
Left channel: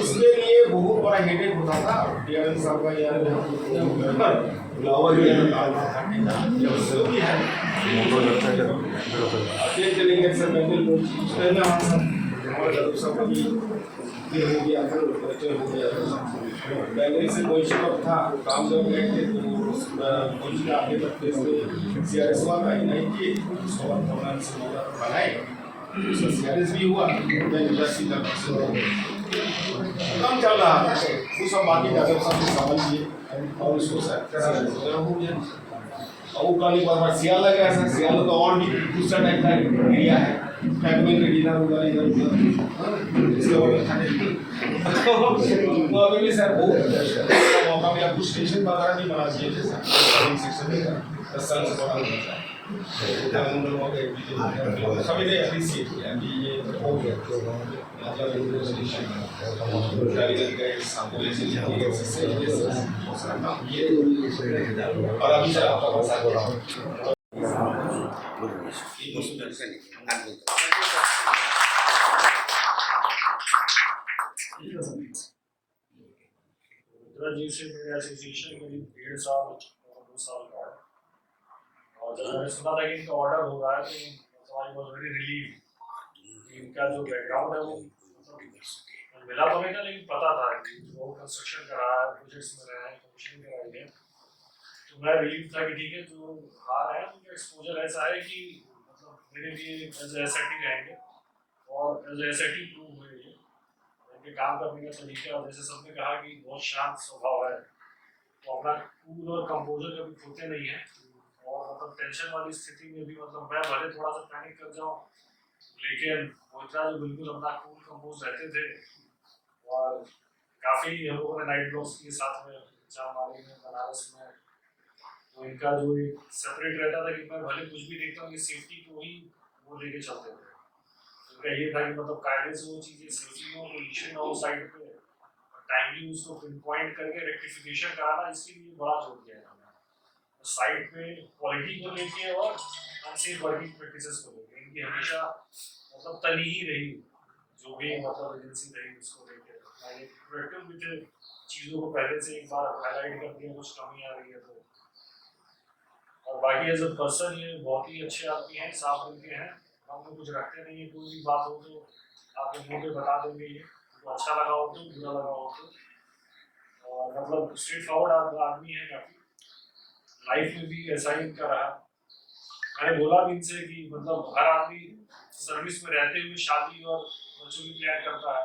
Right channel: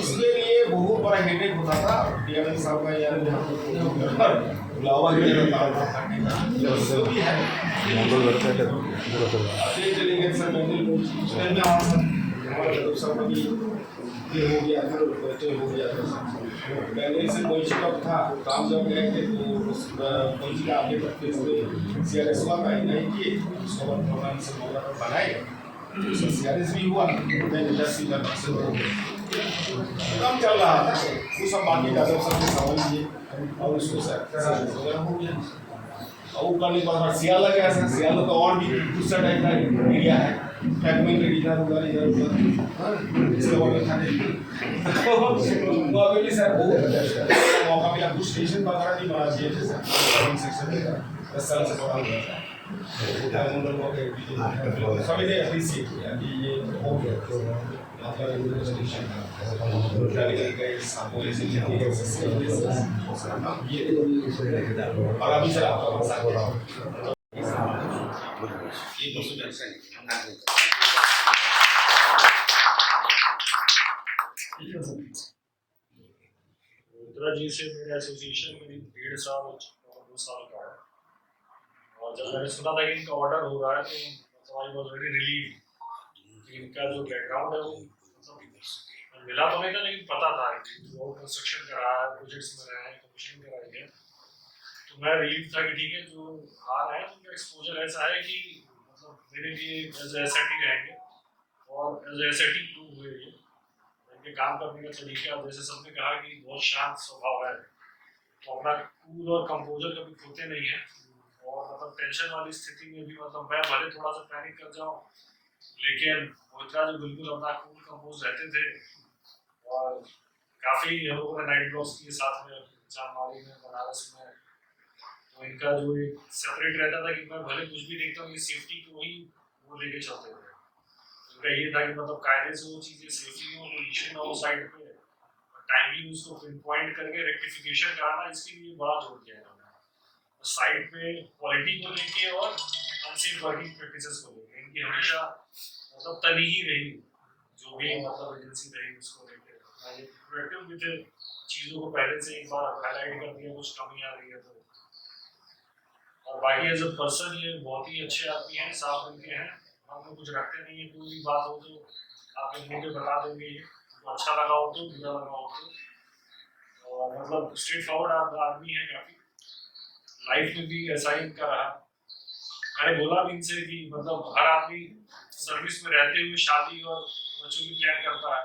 इसके लिए बहुत बड़ा हेडेक होता था। DRM साहब का यार लावा गया था भी है चले गए सर हमारा सब ये हो गया था, हो गया पहले से कोई शिकप था, काम जब गए थे तो उस कोई का आगे तक CRS हुआ था नहीं कि उसको बनाए, उसका CRS भी हुआ, कम चल रहा था वो सब बाकी का सब समझ लिए और उसको सर हो गया। और वो करने के बाद सियाल लगा सर, सियाल तो और भी दूसरा टाइप का एरिया है, फैक्ट्री के डिनर होगा इसके बाद वो अभी भी सर बहुत मौका मिला, कुछ स्टेशन वगैरह भी बना दिए थे सर, सेक्शन 10 साल से बड़ा सभी ने अप्रिशिएट किया कि ये हो गया मतलब और अभी सर आपका मजाक हो रहा हूँ रुद्रा जी से मेरा एसोसिएशन करीब 1.5 साल और 2 साल का है और जब मैंने सुना था कि इनका ऑर्डर हो रहा है तो आई वॉज वेरी रिलीव। इनका जो बैकग्राउंड है वो मतलब मिला तो नहीं था लेकिन पता था कि वो कंस्ट्रक्शन करा है, प्रोजेक्ट्स में रहे हैं, कमीशनिंग कराई है, तो मैं रिलीव था कि ठीक है जो आ रहे हैं उनका एक्सपोजर ऐसा है कि मतलब मेरे लिए एज एसेट ही रहेंगे और एज एसेट ही प्रूव हुए ये इनके काम करने का तरीका। और जैसे सबने कहा कि बहुत शांत स्वभाव है, तो अपना कूल और कंपोजर कभी खोते नहीं है और मतलब टेंशन वाली स्थिति में भी मतलब मैं भले थोड़ा सा पैनिक कर जाऊँ लेकिन मोहित्रा जो बिल्कुल अपना कूल कंपोज रहते थे। और काफ़ी हम लोगों ने नाइट ब्लॉक्स किए साथ में जामवाड़ी में, बनारस में, तो इनका जो एक सेपरेट रहता था कि मैं भले कुछ भी देखता हूँ ये सेफ्टी को ही वो लेके चलते थे। उनका ये था कि मतलब कायदे से वो चीज़ें सेफली हो, कोई इशू ना हो साइड पे, टाइमली उसको पिन पॉइंट करके रेक्टिफिकेशन कराना, इसके लिए बड़ा जोर दिया इन्होंने साइड पे क्वालिटी को लेके और अनसेफ वर्किंग प्रैक्टिसेस को लेके। इनकी हमेशा मतलब तनी ही रही जो भी मतलब एजेंसी रही उसको लेके मैंने प्रोएक्टिव भी थे, चीज़ों को पहले से एक बार हाईलाइट कर दिया कुछ कमी आ रही है तो। और बाकी एज अ पर्सन ये बहुत ही अच्छे आदमी हैं, साफ दिल के हैं, हम लोग कुछ रखते नहीं है, कोई भी बात हो तो आप मुँह पे बता देंगे ये तो अच्छा लगा हो तो बुरा लगा हो तो। और मतलब स्ट्रेट फॉरवर्ड आदमी है काफ़ी, लाइफ में भी ऐसा ही इनका रहा। मैंने बोला भी इनसे कि मतलब हर आदमी सर्विस में रहते हुए शादी और बच्चों की प्लान करता है,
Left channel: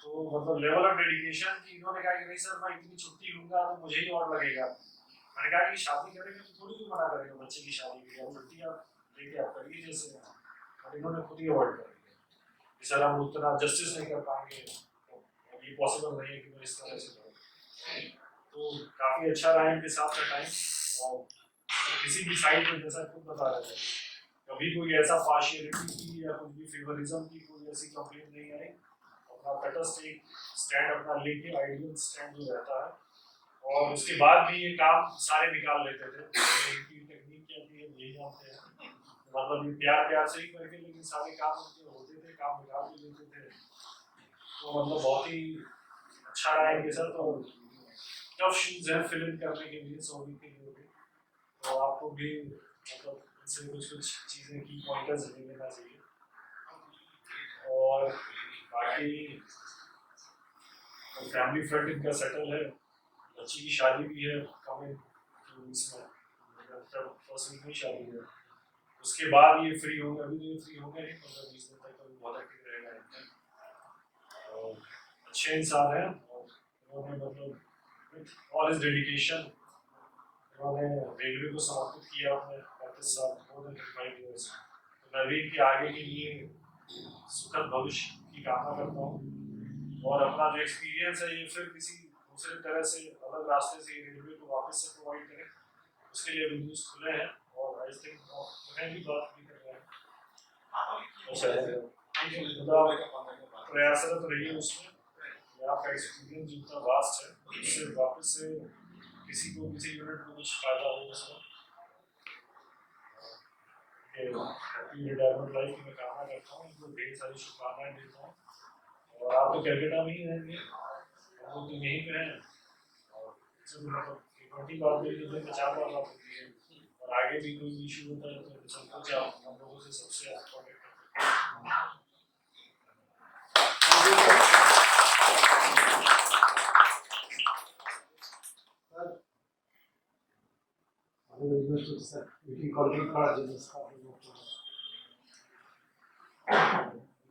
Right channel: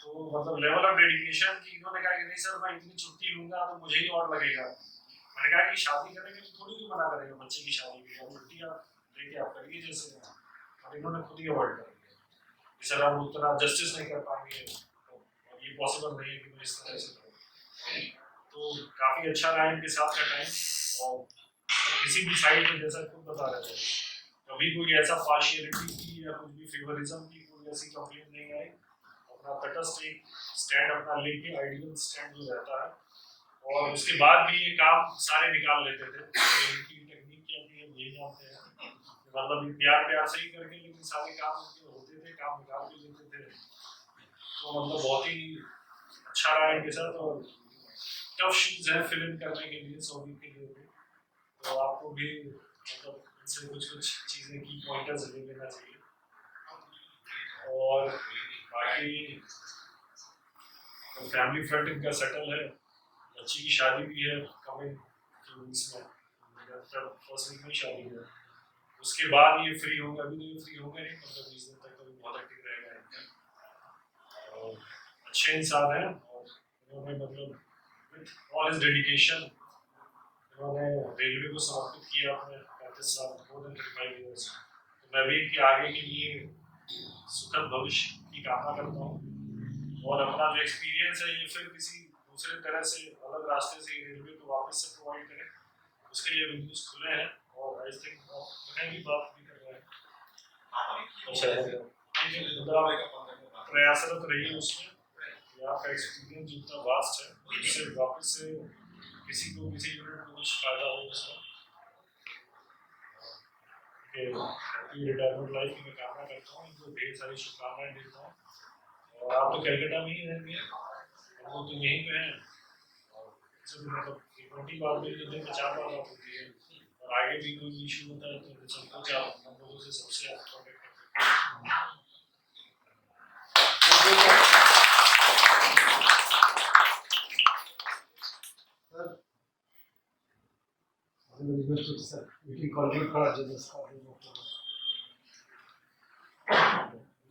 तो मतलब लेवल ऑफ डेडिकेशन कि इन्होंने कहा कि नहीं सर मैं इतनी छुट्टी लूंगा तो मुझे ही और लगेगा। मैंने कहा कि शादी करेंगे तो थोड़ी कोई मना करेगा बच्चे की शादी के लिए, छुट्टी आप लेके आप करिए जैसे, और इन्होंने खुद ही अवॉइड कर दिया सर हम उतना जस्टिस नहीं कर पाएंगे और ये पॉसिबल नहीं है कि मैं इस तरह से करूँ। तो काफ़ी अच्छा रहा इनके साथ का टाइम। और किसी भी साइड पर जैसा खुद बता रहे थे कभी कोई ऐसा पार्शियलिटी की या कुछ भी फेवरिज्म की कोई ऐसी कंप्लेंट नहीं आई, अपना तटस्थ एक स्टैंड अपना लेके आइडियल स्टैंड जो रहता है। और उसके बाद भी ये काम सारे निकाल लेते थे, इनकी टेक्निक क्या थी हम यही जानते हैं, मतलब ये प्यार से ही करके लेकिन सारे काम उनके होते थे, काम निकाल भी लेते थे। तो मतलब बहुत ही अच्छा रहा इनके साथ। और टफ शूज है फिल इन करने के लिए सौदी के लिए भी, तो आपको भी मतलब इनसे कुछ चीज़ें की पॉइंटर्स ले लेना चाहिए। और बाकी फैमिली फ्रंट इनका सेटल है, बच्ची की शादी भी है कमिंग 2 वीक्स में, फर्स्ट वीक में शादी है, उसके बाद ये फ्री होंगे। अभी तो ये फ्री होंगे नहीं, 15-20 दिन तक तो बहुत एक्टिव रहेगा इनका। और अच्छे इंसान हैं और इन्होंने मतलब विथ ऑल हिज डेडिकेशन इन्होंने रेलवे को समर्पित किया अपने 35 साल, मोर देन 35 ईयर्स। तो मैं भी इनके आगे के लिए सुखद भविष्य की कामना करता हूँ और अपना जो एक्सपीरियंस है ये फिर किसी दूसरे तरह से अलग रास्ते से रेलवे को वापस से प्रोवाइड करें, उसके लिए एवेन्यूज खुले हैं। और आई थिंक उन्हें भी बात भी कर रहे हैं, अच्छा प्रयासरत रहिए उसमें, आपका एक्सपीरियंस जितना वास्ट है उससे वापस से किसी को किसी यूनिट को कुछ फायदा हो उसमें। रिटायरमेंट लाइफ की मैं कामना करता हूँ, इनको ढेर सारी शुभकामनाएं देता हूँ। और आप तो कलकत्ता में ही रहेंगे, वो तो यहीं पे हैं, और मतलब फ्रीक्वेंटली बात भी दिन में 4 बार बात होती है, और आगे भी कोई इशू होता है तो संकोच आप हम लोगों से सबसे आप कॉन्टेक्ट करते हैं।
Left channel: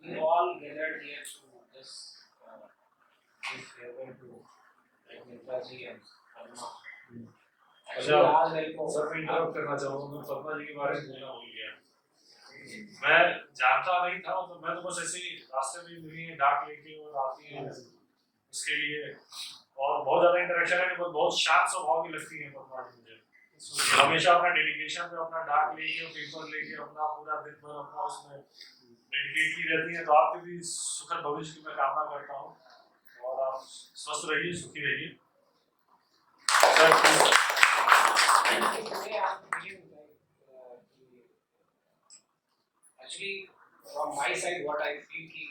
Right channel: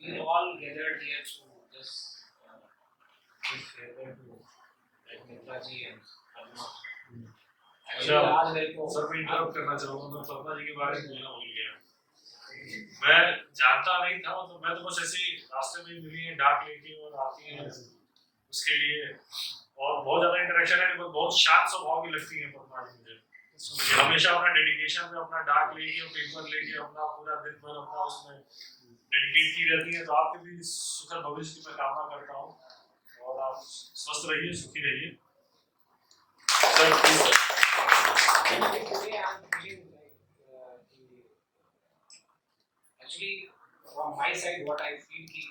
We all gathered here to just give favor to like Mitra ji and Padma. अच्छा सर मैं इंटरप्ट करना चाहूँगा, मैं पद्मा जी के बारे में बोलना भूल गया। मैं जानता नहीं था, मतलब मैं तो बस ऐसे ही रास्ते में मिली है डाक लेके और आती हैं उसके लिए, और बहुत ज़्यादा इंटरेक्शन है, बहुत शांत स्वभाव की लगती है पद्मा जी मुझे। हमेशा अपना डेडिकेशन पे अपना डाक लेके पेपर लेके अपना पूरा दिन भर अपना उसमें डेडिकेट की रहती है, तो आपके भी सुखद भविष्य की मैं कामना करता हूँ और आप स्वस्थ रहिए, सुखी रहिए। Sir please sir. Today I'm feeling like actually from my side what I feel ki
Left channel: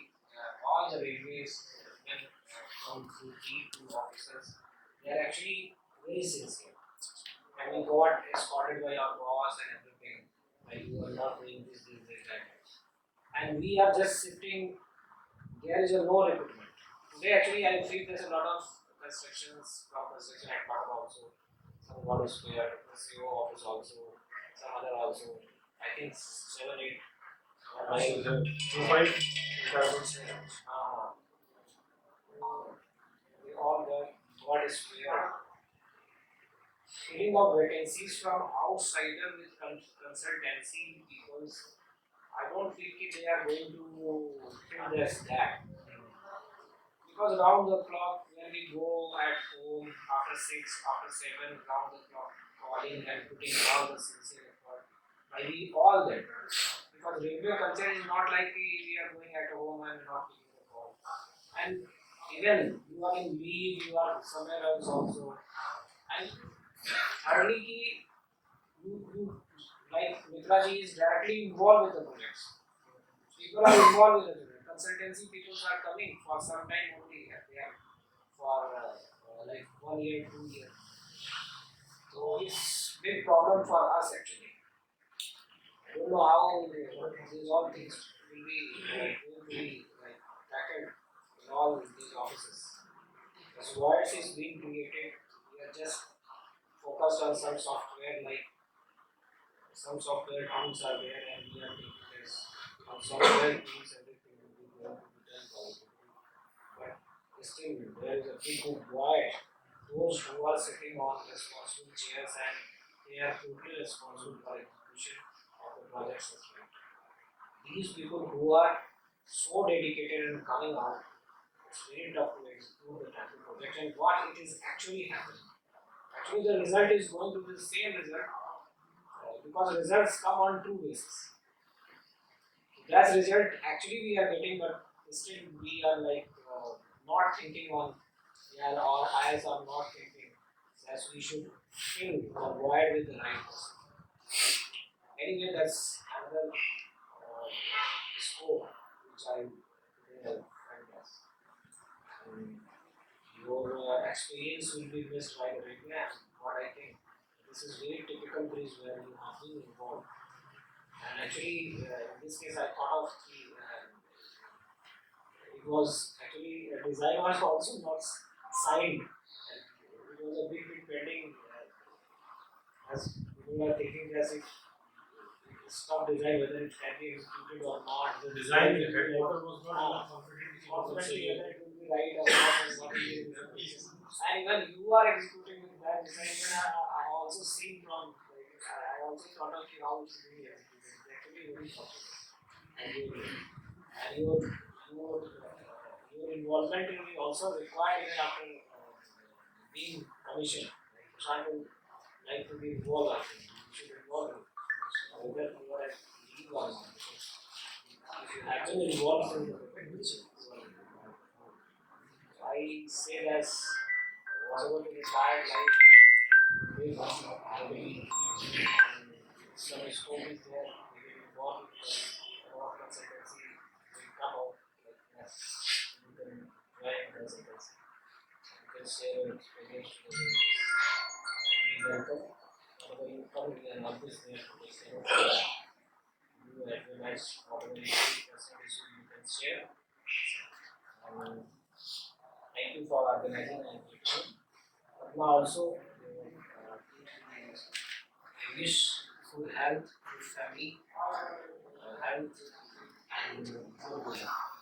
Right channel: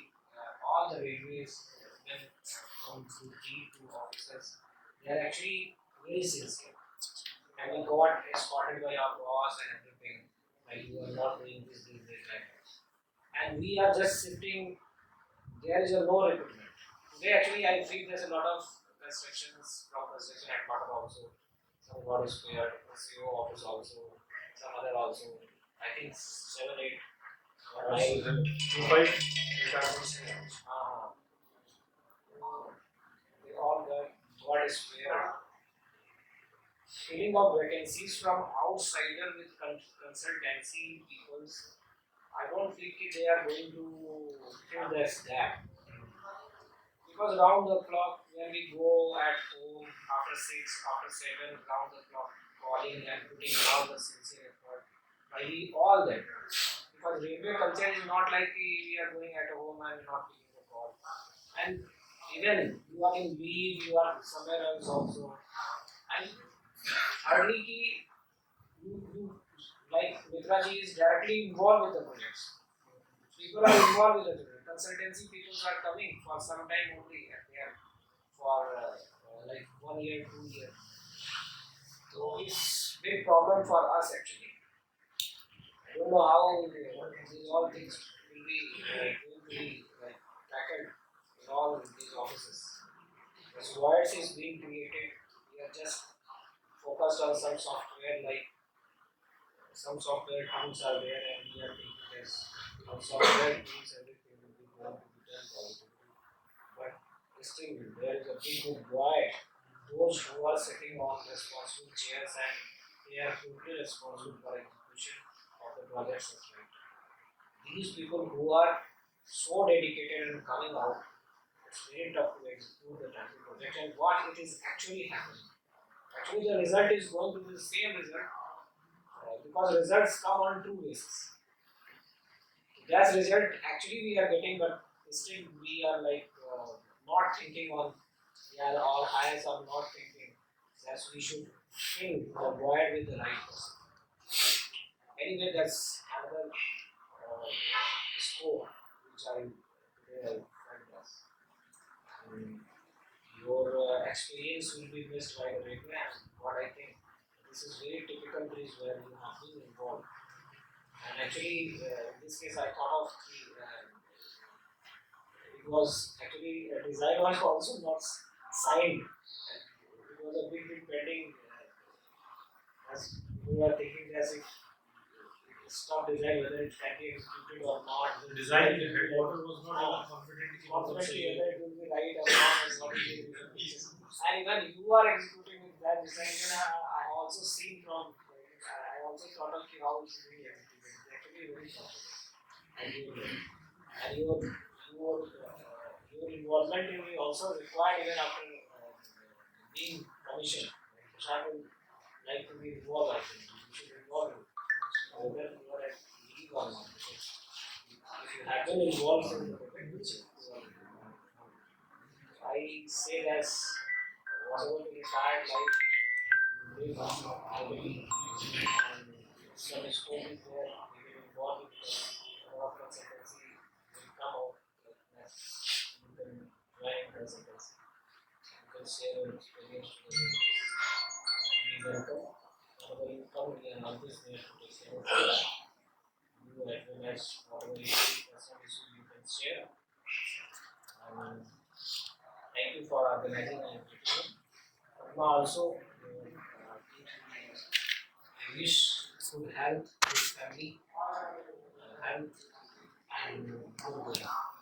all the railways when come through T2 officers they are actually very sincere and we got escorted by our boss and everything like you are not doing this that and we are just sitting there is a no recruitment. Today actually I feel there's a lot of constructions from construction at bottom also. Some God is clear, the CEO office also, some other also. I think 7, 8, or 9. 25 retirements हैं। They all God is clear. Filling of vacancies from outsider with consultancy peoples. I don't think they are going to fill this gap. Because round the clock, when we go at home after 6, after 7, round the clock calling and putting all the sincere effort, by we all that. Because railway culture is not like we are going at home and not taking the call. And even you are in leave, you are somewhere else also. And hardly you like Mitraji is directly involved with the projects. People are involved with the project. Consultancy people are coming for some time only at there for like 1 year, 2 years. So it's big problem for us actually. I don't know how these all things will be like tackled in all these offices. The SWATs is being created. We are just focused on some software like some software tools are there and we are taking this. On software tools everything will be going to be done positively. But still there is a big void. Those who are sitting on responsible chairs and they are totally responsible for execution of the projects as well. These people who are so dedicated and coming out, it's very tough to execute the temple project and what it is actually happening. Actually the result is going to be the same result because results come on two bases. That result actually we are getting, but still we are like not thinking on, yeah, our eyes are not thinking that we should fill the void with the right person. Anyway, that's another score which I today find us. Your experience will be missed by the regular. What I think this is very typical case where you have been involved. And actually, in this case, I thought of it was actually a design was also not signed. It was a big pending. As we were thinking as if stop design whether it can be executed or not. The design, the headquarter was not confident. Confidently whether it will be right or not and what it will be. And when you are executing with that design, even I also seen from I also thought of how it should be executed. It's actually very possible. And your involvement will be also required even after being commissioned. Prashant will like to be involved. I think you should involve him. Whether you are at leave or not. If you have been involved in the project, I say that whatever the retired life, they must not have any some scope is there, they will involve with a lot of consultancy, will come out like that. You can join consultancy, you can share your experience to the business, and we welcome. Whenever you come, we are always there to take care of you. You advise whatever issue you can share. Thank you for organizing and everything. Padma also, I wish good health, good family, health and good life.